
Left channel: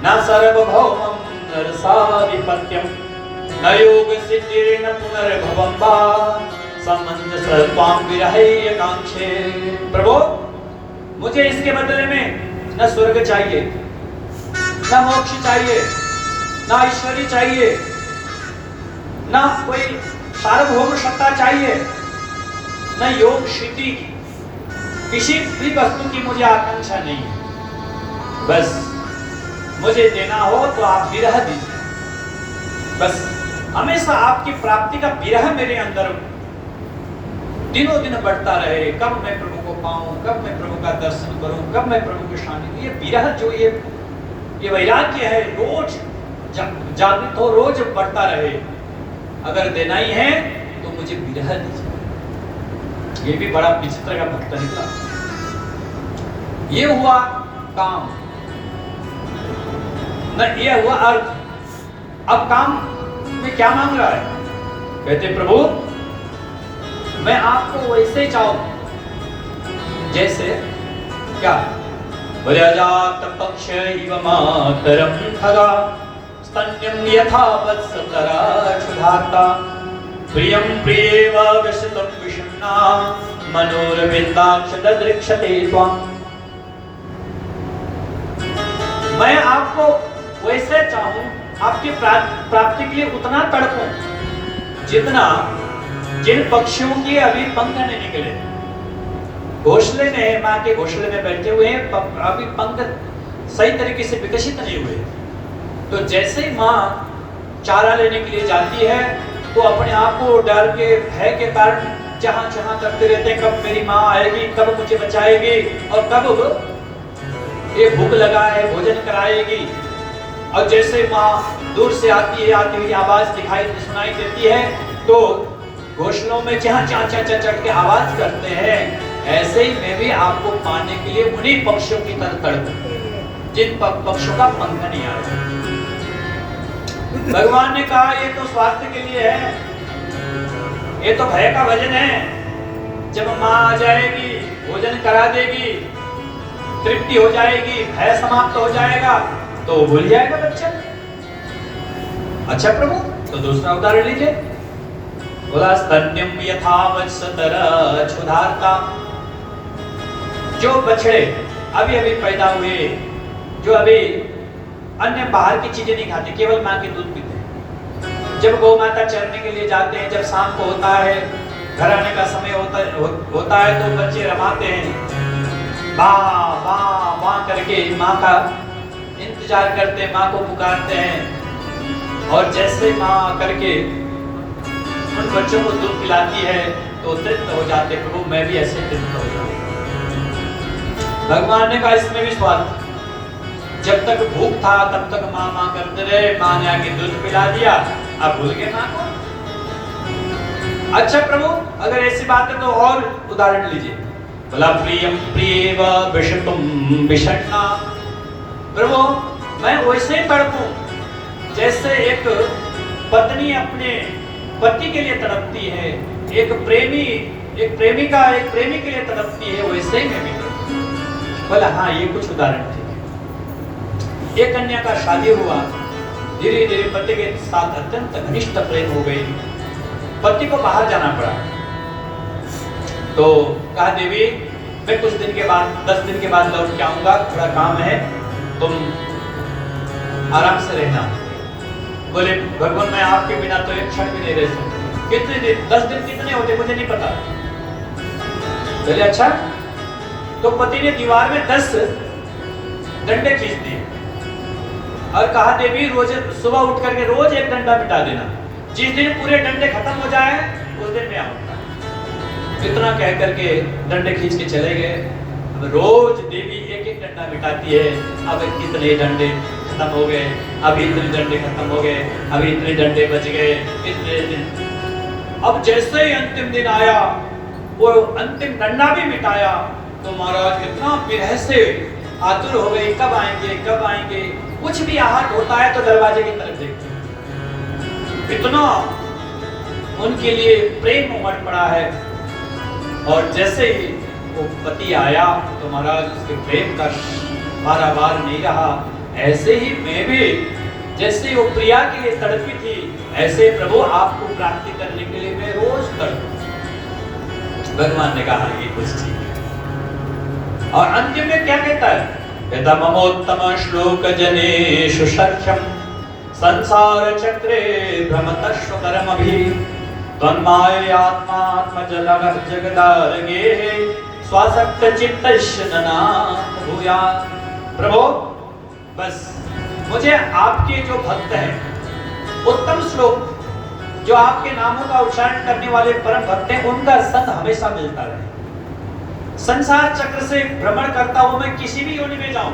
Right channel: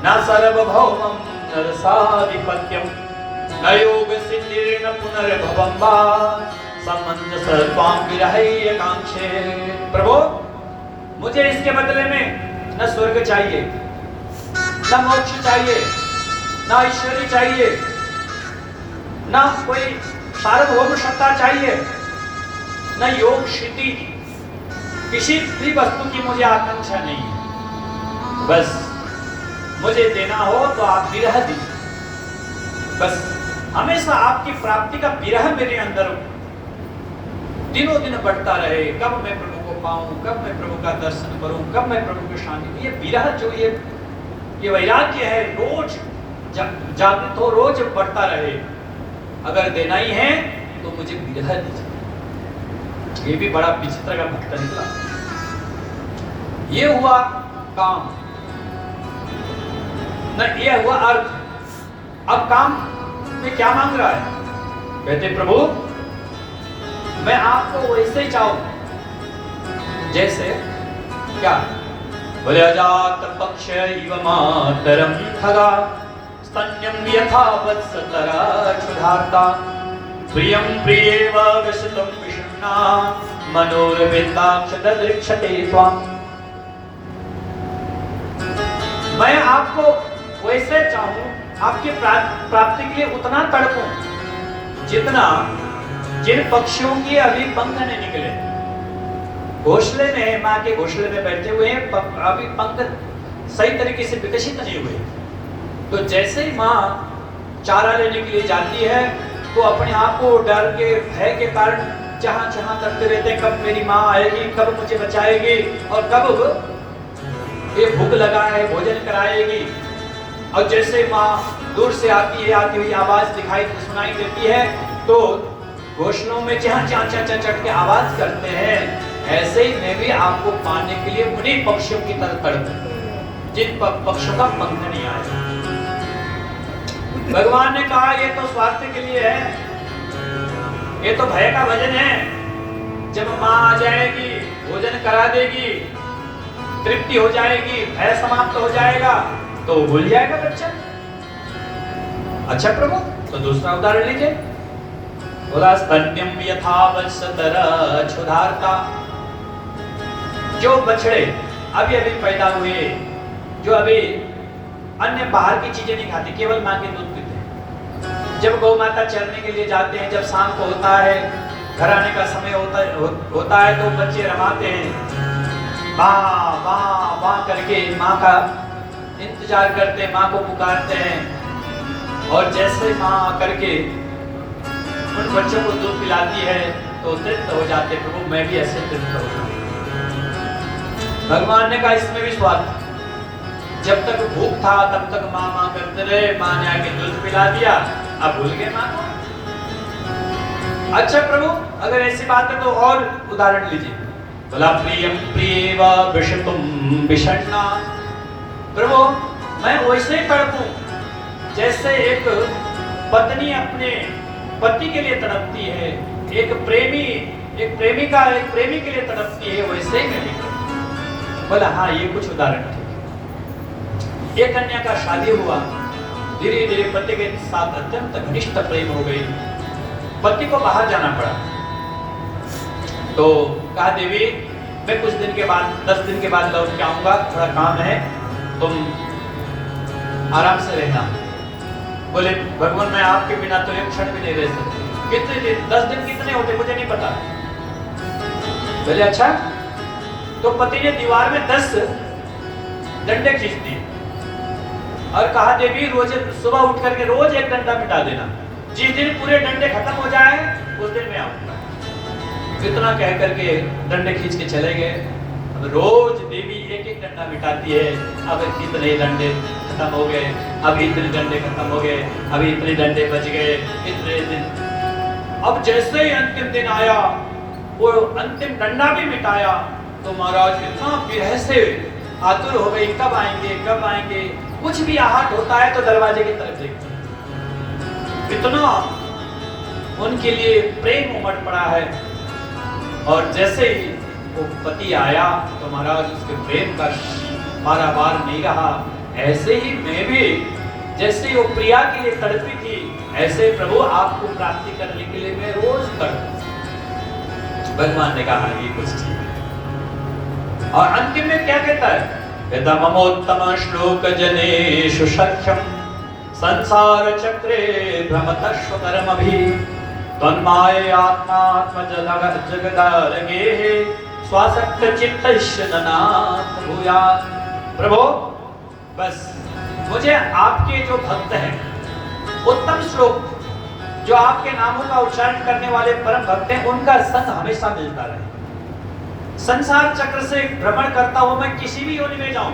न सार्वभौमं न रसाधिपत्यम न योग सिद्धिर्न पुनर्भवं वा संबंध सर्वां विरहय कांक्षे। प्रभु, मुझे इसके बदले में न स्वर्ग चाहिए, न मोक्ष चाहिए, न ऐश्वर्य चाहिए, न कोई सार्वभौम सत्ता चाहिए, न योग सिद्धि, किसी भी वस्तु की मुझे आकांक्षा नहीं है। बस मुझे देना हो तो आप विरह दीजिए, बस हमेशा आपकी प्राप्ति का विरह मेरे अंदर दिनों दिन बढ़ता रहे। कब मैं प्रभु को पाऊं, कब मैं प्रभु का दर्शन करूं, कब मैं प्रभु के सामने। ये विरह जो ये वैराग्य है, रोज जागृत हो, रोज बढ़ता रहे। अगर देना ही है तो मुझे विरह दीजिए। ये भी बड़ा विचित्र का भक्त निकला। ये हुआ काम, न ये हुआ अर्थ। अब काम में क्या मांग रहा है? कहते प्रभु, मैं आपको वैसे चाहूं जैसे क्या? व्रजात पक्ष इव मातरम खगा स्तन्यं यथा वत्सतरा क्षुधार्ता प्रियं प्रियेव विशतं विषण्णा मनोरविन्दाक्ष ददृक्षते त्वाम्। मैं आपको वैसे चाहूं, आपकी प्राप्ति के लिए उतना तड़पूं जितना जिन पक्षियों की अभी पंख नहीं निकले, घोंसले में, माँ के घोंसले में बैठे हुए हैं, अभी पंख सही तरीके से विकसित नहीं हुए। तो जैसे ही माँ चारा लेने के लिए जाती है तो अपने आप को डर के, भय के कारण जहां जहां करते रहते हैं, कब मेरी माँ आएगी, कब मुझे बचाएगी, और कब ये भूख लगा है भोजन कराएगी। और जैसे माँ दूर से आती हुई आवाज दिखाई सुनाई देती है, तो घोंसलों में चह चह चह चह चढ़ के आवाज करते हैं। ऐसे ही मैं भी आपको पाने के लिए उन्हीं पक्षियों की तरह तड़पूं जिन पक्षियों का पंख नहीं आया। भगवान ने कहा ये तो स्वार्थ के लिए है, ये तो भय का भजन है। जब माँ आ जाएगी, भोजन करा देगी, तृप्ति हो जाएगी, भय समाप्त हो जाएगा, तो भूल जाएगा बच्चा। अच्छा प्रभु, तो दूसरा उदाहरण लीजिए। बोला स्तन्यम यथा वत्सतर क्षुधार्ता। जो बछड़े अभी अभी पैदा हुए, जो अभी अन्य बाहर की चीजें नहीं खाते, केवल माँ के दूध पीते हैं, जब गौ माता चरने के लिए जाते हैं, जब शाम को होता है, घर आने का समय होता है, तो बच्चे रमाते हैं, वाह वाह वाह करके माँ का इंतजार करते हैं, माँ को पुकारते हैं। और जैसे माँ करके उन बच्चों को दूध पिलाती है तो तृप्त हो जाते, प्रभु मैं भी ऐसे तृप्त हो जाऊं। भगवान ने कहा इसमें भी स्वार्थ। जब तक भूख था तब तक माँ माँ करते रहे, माँ ने आके दूध पिला दिया, अब भूल गए माँ को। अच्छा प्रभु, अगर ऐसी बात है तो और उदाहरण लीजिए। बोला प्रियम प्रियव विषतुम विषण्णा। प्रभु मैं वैसे ही तड़पूं जैसे एक पत्नी अपने पति के लिए तड़पती है, एक प्रेमिका एक प्रेमी के लिए तड़पती है, वैसे ही मैं भी तड़पूं। बोला हाँ, ये कुछ उदाहरण थे। एक कन्या का शादी हुआ, धीरे धीरे पति के साथ अत्यंत घनिष्ठ प्रेम हो गई, पति को बाहर जाना पड़ा। तो कहा देवी मैं कुछ दिन के बाद 10 दिन के बाद लौट के आऊंगा, थोड़ा काम है, तुम आराम से रहना। बोले भगवान मैं आपके बिना तो एक क्षण भी नहीं रह सकता। कितने दिन, 10 दिन कितने होते मुझे नहीं पता। बोले अच्छा। तो पति ने दीवार में 10 डंडे खींच दिए और कहा देवी रोज सुबह उठ करके रोज एक डंडा मिटा देना, जिस दिन पूरे डंडे खत्म हो जाए उस दिन मैं आऊंगा। इतना कह करके डंडे खींच के चले गए। अब रोज देवी एक एक डंडा मिटाती है। अब इतने डंडे खत्म हो गए, अब इतने डंडे खत्म हो गए, अब इतने डंडे बच गए, इतने दिन। अब जैसे ही अंतिम दिन आया, वो अंतिम डंडा भी मिटाया, तो महाराज इतना विरह से आतुर हो गई, कब आएंगे कब आएंगे। कुछ भी आहट होता है तो दरवाजे की तरफ देखते हैं, इतना उनके लिए प्रेम उमड़ पड़ा है। और जैसे ही वो पति आया तो महाराज उसके प्रेम का बार नहीं रहा। ऐसे ही मैं भी जैसे वो प्रिया के लिए तड़पी थी, ऐसे प्रभु आपको प्राप्ति करने के लिए मैं रोज तड़पूं। भगवान ने कहा ये कुछ ठीक है। और अंतिम में क्या कहता है? कहता ममोत्तम श्लोक जनेषु सख्यम संसार चक्रे भ्रमतस्व कर्मभि तन्माय आत्मा जगदारगे स्वासक्त चित्तस्य ननाथ भूयात्। प्रभु बस मुझे आपके जो भक्त हैं, उत्तम श्लोक जो आपके नामों का उच्चारण करने वाले परम भक्त हैं, उनका संग हमेशा मिलता रहे। संसार चक्र से भ्रमण करता हूं मैं, किसी भी योनि में जाऊं,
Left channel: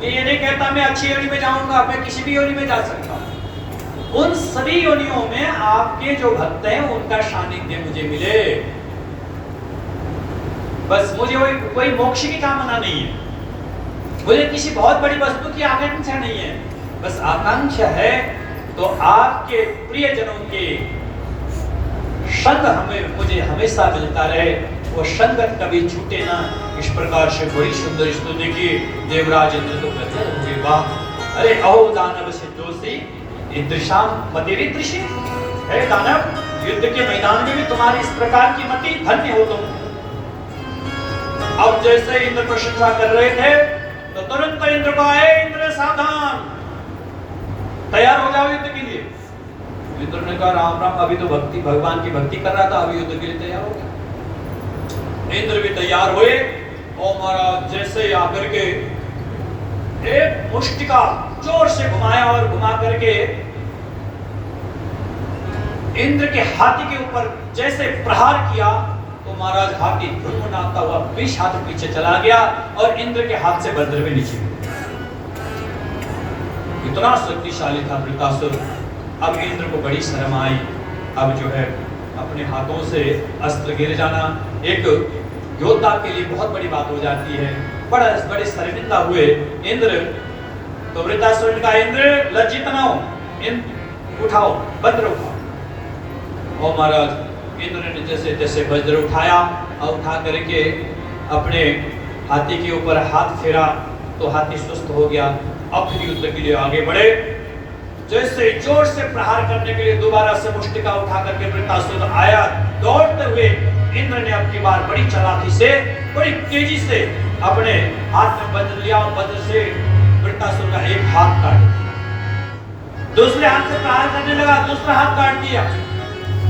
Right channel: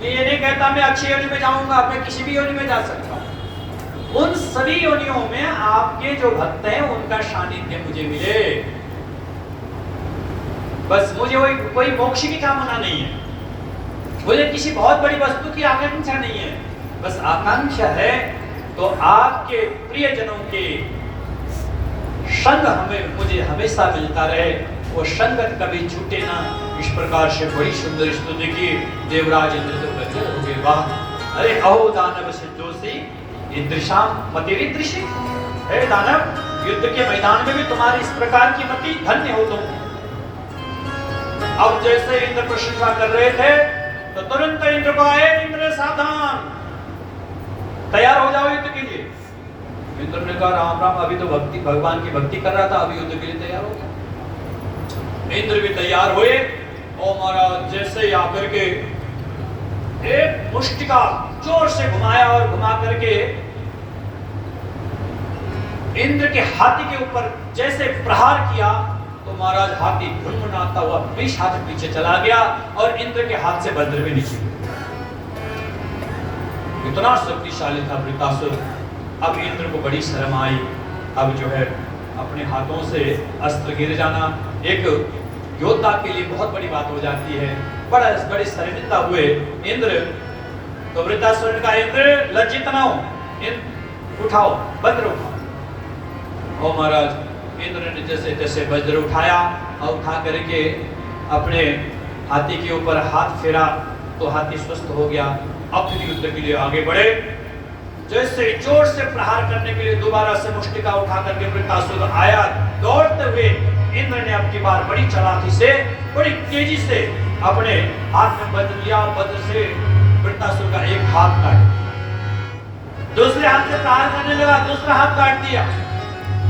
ये नहीं कहता मैं अच्छी योनि में जाऊंगा, मैं किसी भी योनि में जा सकता हूं। उन सभी योनियों में आपके जो भक्त हैं उनका सानिध्य मुझे मिले। बस मुझे कोई मोक्ष की कामना नहीं है, मुझे किसी बहुत बड़ी वस्तु की आकांक्षा नहीं है। बस आकांक्षा है तो आपके प्रियजनों के संग मुझे हमेशा मिलता रहे, वो संगत कभी छूटे ना। इस प्रकार से बड़ी सुंदर स्तुति की देवराज इंद्र तो गदगद हो गए। वाह, अरे अहो दानव सिद्धोसी ईदृशाम मतिरीदृशी। हे दानव, युद्ध के मैदान में भी तुम्हारी इस प्रकार की मति, धन्य हो तुम। अब जैसे इंद्र प्रशंसा कर रहे थे तो तुरंत इंद्र को आए, इंद्र सावधान, तैयार हो जाओ युद्ध के लिए। इंद्र ने कहा राम राम, अभी तो भगवान की भक्ति कर रहा था, अभी युद्ध के लिए तैयार हो गया। इंद्र भी तैयार हुए और महाराज जैसे ही आकर के एक मुष्टिका जोर से घुमाया और घुमा करके इंद्र के हाथी के ऊपर जैसे प्रहार किया तो महाराज हाथी ढुंढुनाता हुआ 20 हाथ पीछे चला गया और इंद्र के हाथ से वज्र भी नीचे गिर गया। इतना शक्तिशाली था वृत्तासुर। अब इंद्र को बड़ी शर्म आई। अब जो है अपने हाथों से अस्त्र गिर जाना एक योद्धा के लिए बहुत बड़ी बात हो जाती है। बड़े शर्मिंदा हुए इंद्र। तो वृत्तासुर ने कहा, इंद्र लज्जित ना हो, उठाओ वज्र उठाओ। और महाराज इंद्र ने जैसे जैसे वज्र उठाया और उठा करके अपने हाथी के ऊपर हाथ फेरा तो हाथी स्वस्थ हो गया। अब फिर युद्ध के लिए आगे बढ़े। जैसे जोर से प्रहार करने के लिए दोबारा से मुष्टिका उठा करके वृत्तासुर आया दौड़ते हुए। इंद्र ने अब की बार बड़ी चालाकी से बड़ी तेजी से अपने हाथ में वज्र लिया। वज्र से वृत्तासुर का एक हाथ काट दिया। दूसरे हाथ से प्रहार करने लगा, दूसरा हाथ काट दिया।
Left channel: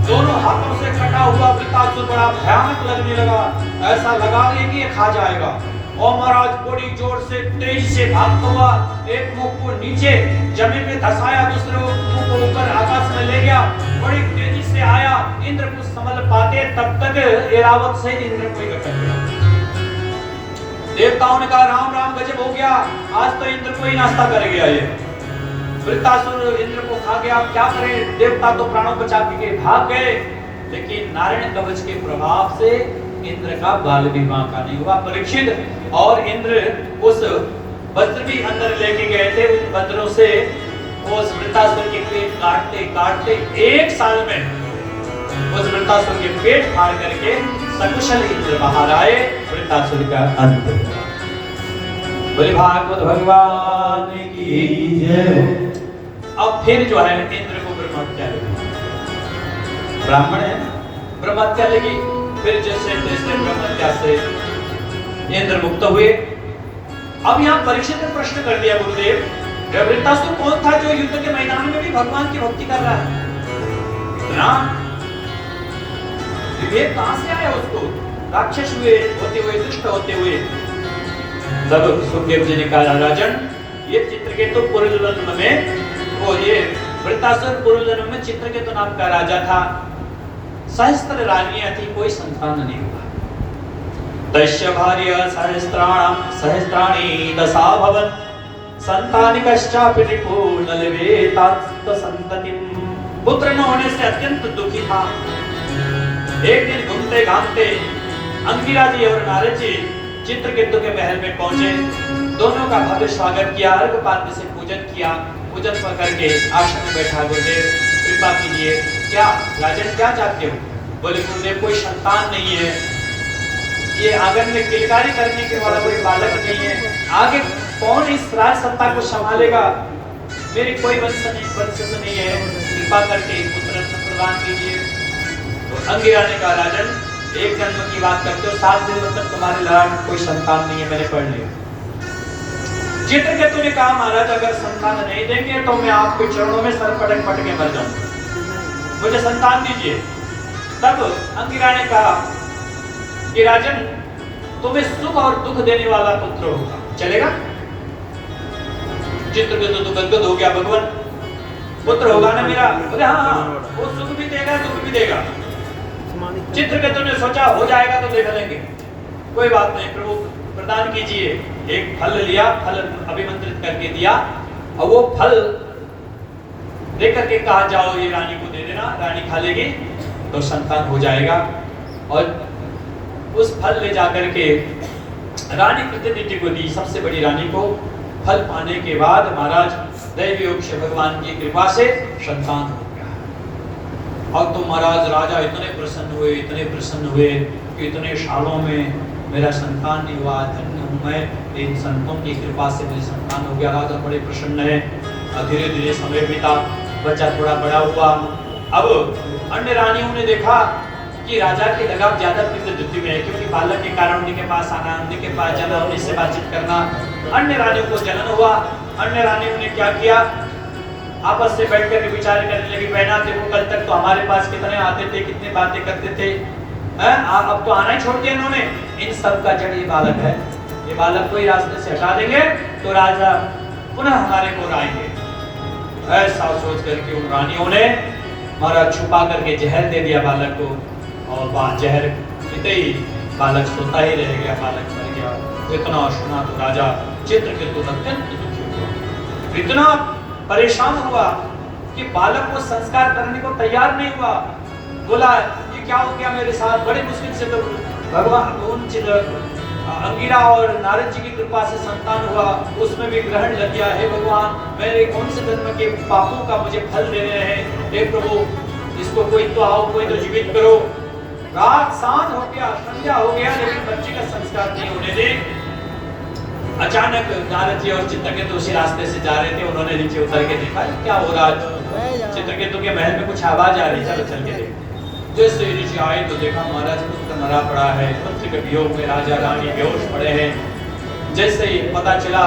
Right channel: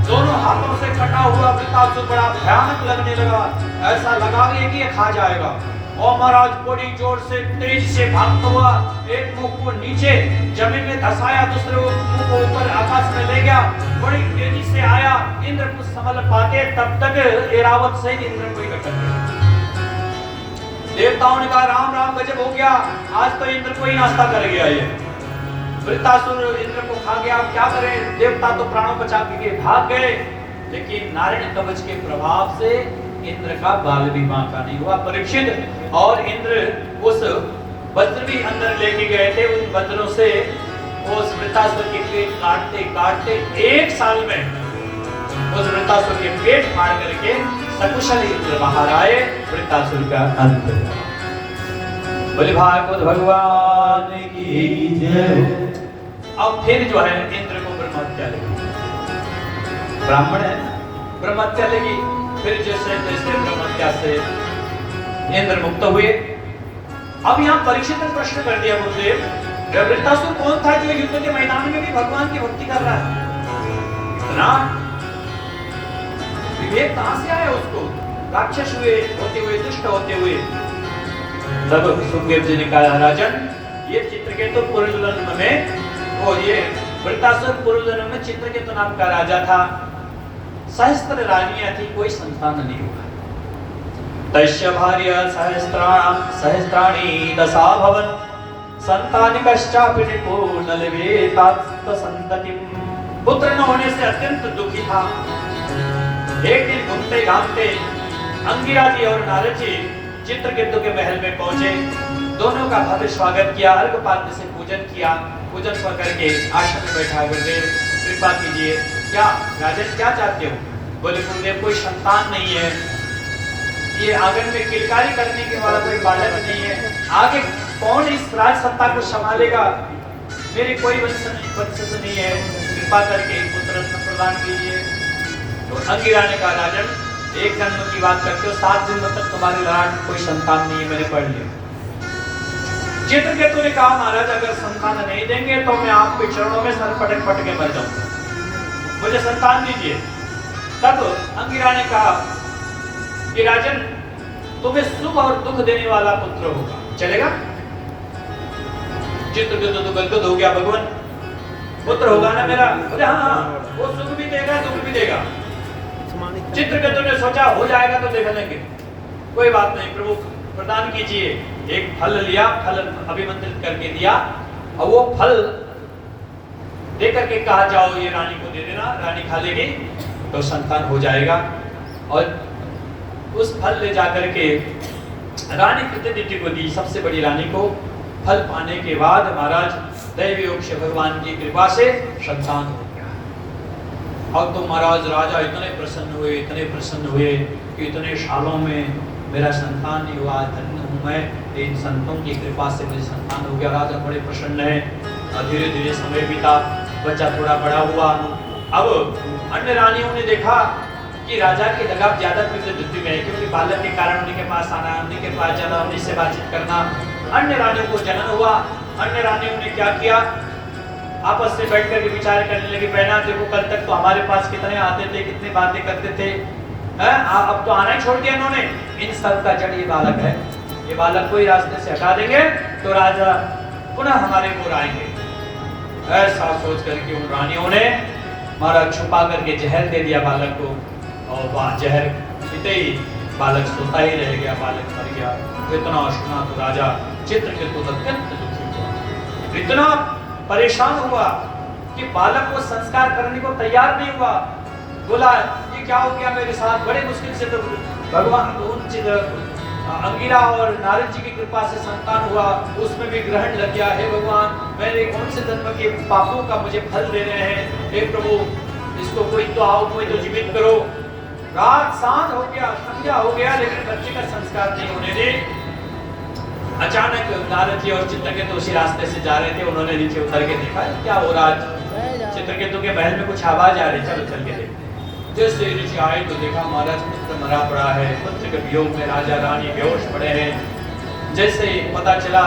दोनों हाथों से कटा हुआ वृत्तासुर बड़ा भयानक लगने लगा। ऐसा लगा कि ये खा जाएगा। और महाराज बड़ी जोर से तेजी से भागता हुआ एक मुंह को नीचे जमीन में धसाया, दूसरे मुंह को ऊपर आकाश में ले गया। बड़ी तेजी से आया। इंद्र को संभल पाते तब तक ऐरावत से इंद्र को इकट्ठा किया। देवताओं ने कहा, राम राम गजब हो गया, आज तो इंद्र को ही नाश्ता कर गया ये। वृत्तासुर इंद्र को खा गया। क्या करें, देवता तो प्राणों बचा के भाग गए। लेकिन नारायण कवच के प्रभाव से इंद्र का बाल भी बांका नहीं हुआ। परीक्षित और इंद्र उस वज्र भी अंदर लेके गए थे। उन वज्रों से उस वृत्तासुर के पेट काटते काटते 1 साल में उस वृत्तासुर के पेट फाड़ करके सकुशल इंद्र बाहर आए। वृत्तासुर का अंत हुआ। बोले भागवत भगवान की जय। अब फिर जो है इंद्र को ब्रह्महत्या लगी। ब्राह्मण है ना, ब्रह्महत्या लगी। फिर जैसे जैसे ब्रह्महत्या से इंद्र मुक्त हुए। अब यहाँ परीक्षित ने प्रश्न कर दिया, गुरुदेव वृत्तासुर कौन था जो युद्ध के मैदान में भी भगवान की भक्ति कर रहा है? ना विवेक कहां से आया उसको? राक्षस होते हुए दुष्ट होते हुए। तब सुखदेव जी ने कहा, राजन ये चित्रकेतु पूर्व जन्म में वो ये वृत्तासुर पूर्व जन्म में चित्रकेतु नाम का राजा था। सहस्त्र रानियां थी, कोई संतान नहीं हुआ। तस्य भार्य सहस्त्राणि दशा भवन संतानिकश्चापि न लभेतात संततिं। पुत्र न होने से अत्यंत दुखी था। एक दिन घूमते घामते अंगिरा जी और नारद जी चित्रकेतु के महल में पहुंचे। दोनों का भव्य स्वागत किया, अर्घपाद्य से पूजन किया। पूजन करके आश्रम में बैठा, गुरुदेव कृपा कीजिए, क्या राजन क्या चाहते हो? बोले गुरुदेव कोई संतान नहीं है, ये आंगन में किलकारी करने के वाला कोई बालक नहीं है, आगे कौन इस राज सत्ता को संभालेगा? मेरी कोई वंश नहीं है, कृपा करके पुत्र रत्न प्रदान कीजिए। तो अंगिरा ने कहा, राजन एक जन्म की बात करते हो, 7 जन्म तक तुम्हारे लायक कोई संतान नहीं है, मैंने पढ़ लिया। चित्रकेतु ने कहा, महाराज अगर संतान नहीं देंगे तो मैं आपके चरणों में सर पटक पटक के मर जाऊंगा, मुझे संतान दीजिए। तब अंगिरा ने कहा कि राजन तुम्हें सुख और दुख देने वाला पुत्र होगा, चलेगा? चित्रकेतु तो गदगद हो गया, भगवान पुत्र होगा ना मेरा? बोले हाँ, वो सुख भी देगा दुख भी देगा। चित्रकेतु ने सोचा हो जाएगा तो देख लेंगे, कोई बात नहीं, प्रभु प्रदान कीजिए। एक फल लिया, फल अभिमंत्रित करके दिया और वो फल दे करके कहा, जाओ ये रानी को दे देना, रानी खा लेगी तो संतान हो जाएगा। और उस फल ले जाकर के रानी प्रतिनिधि को दी, सबसे बड़ी रानी को। फल पाने के बाद महाराज दैवी योग से भगवान की कृपा से संतान हो गया। और तो महाराज राजा इतने प्रसन्न हुए कि इतने सालों में मेरा संतान नहीं हुआ, धन्य हूं मैं, इन संतों की कृपा से मुझे संतान हो गया। राजा बड़े प्रसन्न है। धीरे धीरे समय बीता, बच्चा थोड़ा बड़ा हुआ। अब अन्य रानियों ने देखा कि राजा की लगाव ज्यादा तीव्र वृद्धि में है, क्योंकि बालक के कारण उन्हीं के पास आना, उन्हीं के पास जाना, उन्हीं से बातचीत करना। अन्य रानियों को जलन हुआ। अन्य रानियों ने क्या किया, आपस से बैठकर के विचार करने लगी, बहना देखो कल तक तो हमारे पास कितने आते थे, कितने बातें करते थे, अब तो आना ही छोड़ दिया इन्होंने। इन सब का जड़ ये बालक है, ये बालक को ही रास्ते से हटा देंगे तो राजा पुनः हमारे को आएंगे। ऐसा सोच करके उन रानियों ने महाराज छुपा करके जहर दे दिया बालक को, और वहाँ जहर पीते ही बालक सोता ही रह गया, बालक मर गया। इतना सुना तो राजा चित्रकेतु अत्यंत दुखी हुआ, इतना परेशान हुआ कि बालक को संस्कार करने को तैयार नहीं हुआ। बोला ये क्या हो गया मेरे साथ, बड़े मुश्किल से तो भगवान अंगिरा और नारद जी की कृपा से संतान हुआ, उसमें भी ग्रहण लग गया। हे भगवान, मेरे कौन से जन्म के पापों का मुझे फल देने हैं, हे प्रभु इसको कोई तो आओ, कोई तो जीवित करो। रात सांझ हो गया, संध्या हो गया, लेकिन बच्चे का संस्कार नहीं होने दे। अचानक नारद जी और चित्रकेतु उसी रास्ते से जा रहे थे, उन्होंने नीचे उतर के देखा क्या हो रहा है, चित्रकेतु के महल में कुछ आवाज आ रही, चलो चल के देख। जैसे ऋषि आए तो देखा महाराज पुत्र मरा पड़ा है, पुत्र के वियोग में राजा रानी बेहोश पड़े हैं। जैसे ही पता चला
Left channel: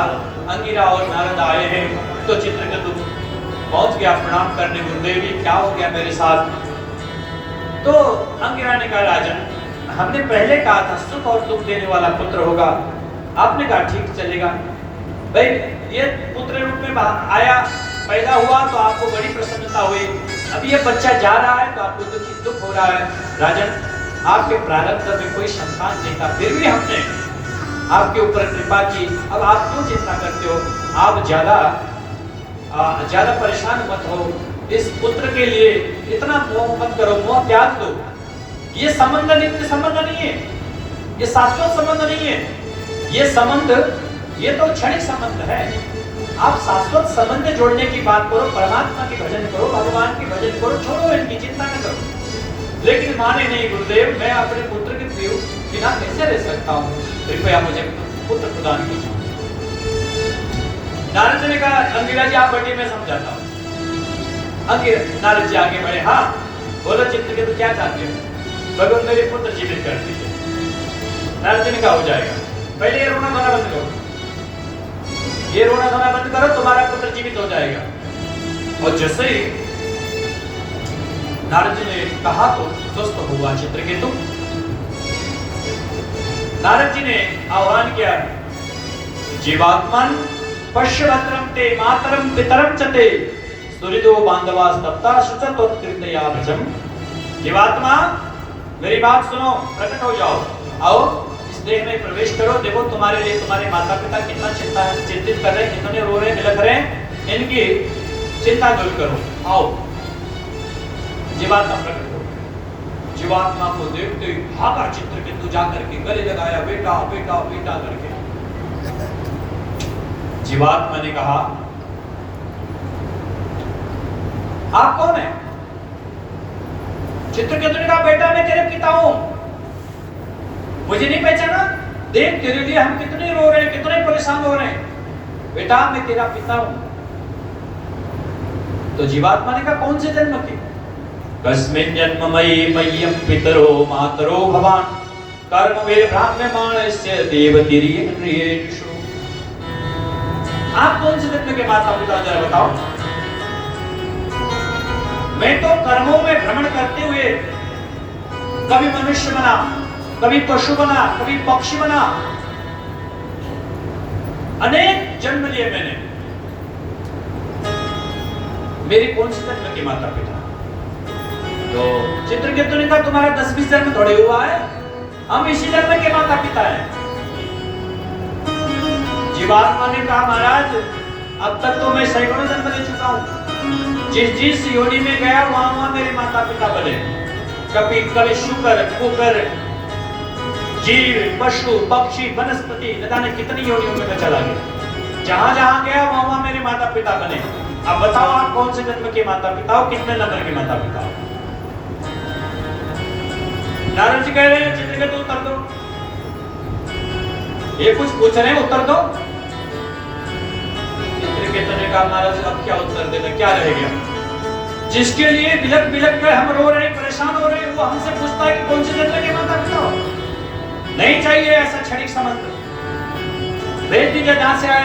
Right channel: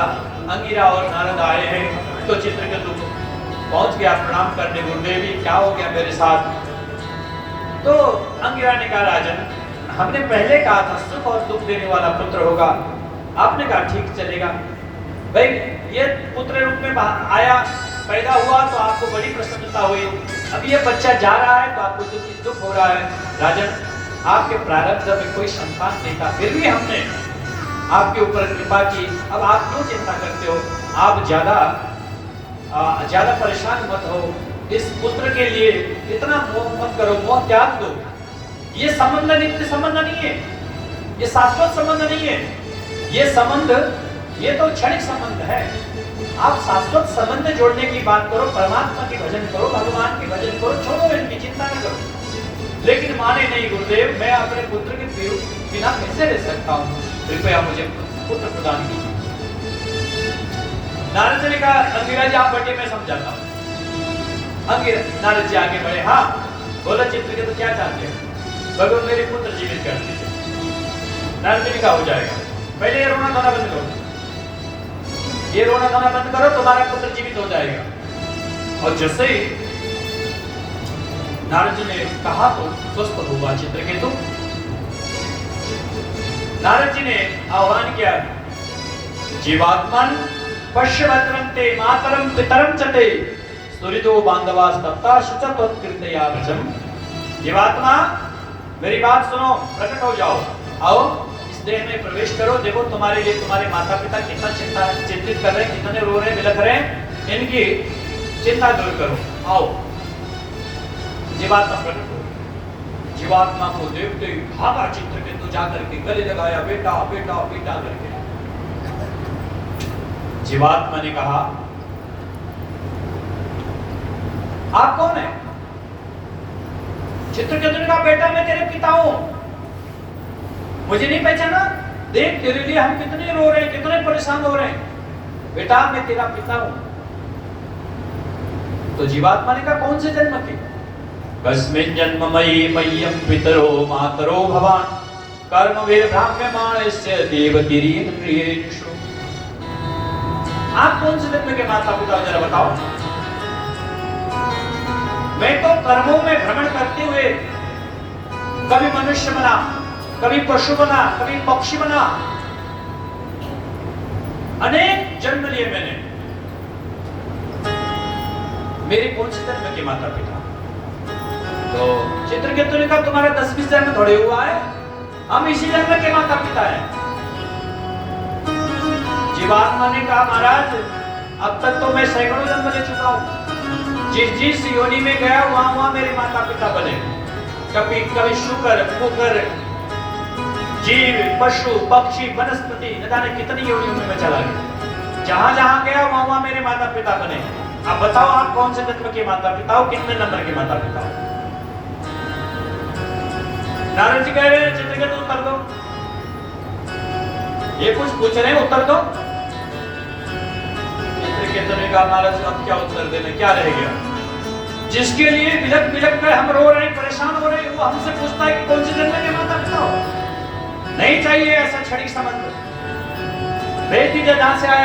अंगिरा और नारद आए हैं तो चित्रकेतु पहुंच गया प्रणाम करने, गुरुदेव जी क्या हो गया मेरे साथ। तो अंगिरा ने कहा राजन, हमने पहले कहा था सुख और दुख देने वाला पुत्र होगा, आपने कहा ठीक चलेगा। भाई ये पुत्र रूप में आया, पैदा हुआ तो आपको बड़ी प्रसन्नता हुई, अब ये बच्चा जा रहा है तो आपको दुख हो रहा है। राजन, आपके प्रारब्ध में कोई संतान नहीं था, फिर भी हमने आपके ऊपर कृपा की, अब आप क्यों चिंता करते हो, आप ज्यादा परेशान मत हो, इस पुत्र के लिए इतना मोह मत करो, मोह त्याग दो। ये संबंध नित्य संबंध नहीं है, ये शाश्वत संबंध नहीं है, ये संबंध ये तो क्षणिक संबंध है। आप शाश्वत संबंध जोड़ने की बात करो, परमात्मा की भजन करो, भगवान की भजन करो, छोड़ो इनकी चिंता न करो। लेकिन माने नहीं गुरुदेव, मैं अपने पुत्र के बिना कैसे रह सकता हूँ, कृपया मुझे पुत्र प्रदान कीजिए। नारद जी ने कहा अंगिरा जी आप बैठे, मैं समझाता हूँ। नारद जी आगे बढ़े, हाँ बोलो चित्रकेतु क्या चाहते हो, भगवान मेरे पुत्र जीवित कर दीजिए। नारद जी ने कहा हो जाएगा, पहले ये रोना धोना बंद करो, ये रोना धोना बंद करो, तुम्हारा पुत्र जीवित हो जाएगा। और जैसे ही नारद जी ने कहा तो स्वस्थ हुआ चित्रकेतु। नारद जी ने आह्वान किया, जीवात्मन पश्य भद्रं ते मातरं पितरं च ते सुहृदो बांधवा सप्ता शुचतोत्कृतया भजम। जीवात्मा मेरी बात सुनो, प्रकट हो जाओ, आओ इस देह में प्रवेश करो, देखो तुम्हारे लिए तुम्हारे माता पिता कितना चिंतित कर रहे हैं, कितने रो रहे बिलख रहे हैं, इनकी चिंता दूर करो, आओ। जीवात्मा प्रकट हो, जीवात्मा को देखते ही भागा चित्रकेतु जाकर के गले लगाया, बेटा बेटा बेटा करके। जीवात्मा ने कहा आप कौन है? चित्रकेतु ने कहा बेटा मैं तेरे पिता हूं, मुझे नहीं पहचाना, देख तेरे लिए हम कितने रो रहे हैं, कितने परेशान हो रहे हैं, बेटा मैं तेरा पिता हूं। तो जीवात्मा ने कहा कौन से जन्म के? कस्मिन् जन्ममयि मह्यं पितरो मातरो भवान कर्मवीर ब्राह्म्यमाणस्य देवतिर्येषु। आप कौन से जन्म के माता पिता जरा बताओ। मैं तो कर्मों में भ्रमण करते हुए कभी मनुष्य बना, कभी पशु बना, कभी पक्षी बना, अनेक जन्म लिए मैंने, मेरे कौन से जन्म के माता पिता? तो चित्रकेतु ने कहा तुम्हारा 10-20 जन्म थोड़े हुआ है, हम इसी जन्म के माता पिता हैं। जीवात्मा ने कहा महाराज अब तक तो मैं सैकड़ों जन्म ले चुका हूं, जिस योनि में गया वहां मेरे माता पिता बने, कभी शुकर कुकर जीव पशु पक्षी वनस्पति न जाने कितनी योनियों में मैं चला गया, जहां जहां गया वहां मेरे माता पिता बने। अब बताओ आप कौन से जन्म के माता पिता हो, कितने नंबर के माता पिता हो? नारद जी कह रहे हैं चित्रकेतु उत्तर दो, ये कुछ पूछ रहे हैं उत्तर दो। चित्रकेतु ने कहा नारद जी अब क्या उत्तर देना, क्या रह गया? जिसके लिए बिलख बिलख कर हम रो रहे हैं, परेशान हो रहे हैं, वो हमसे पूछता है कि कौन से जन्म के माता पिता हो? नहीं चाहिए ऐसा क्षणिक संबंध, भेज दीजिए जहां से आए।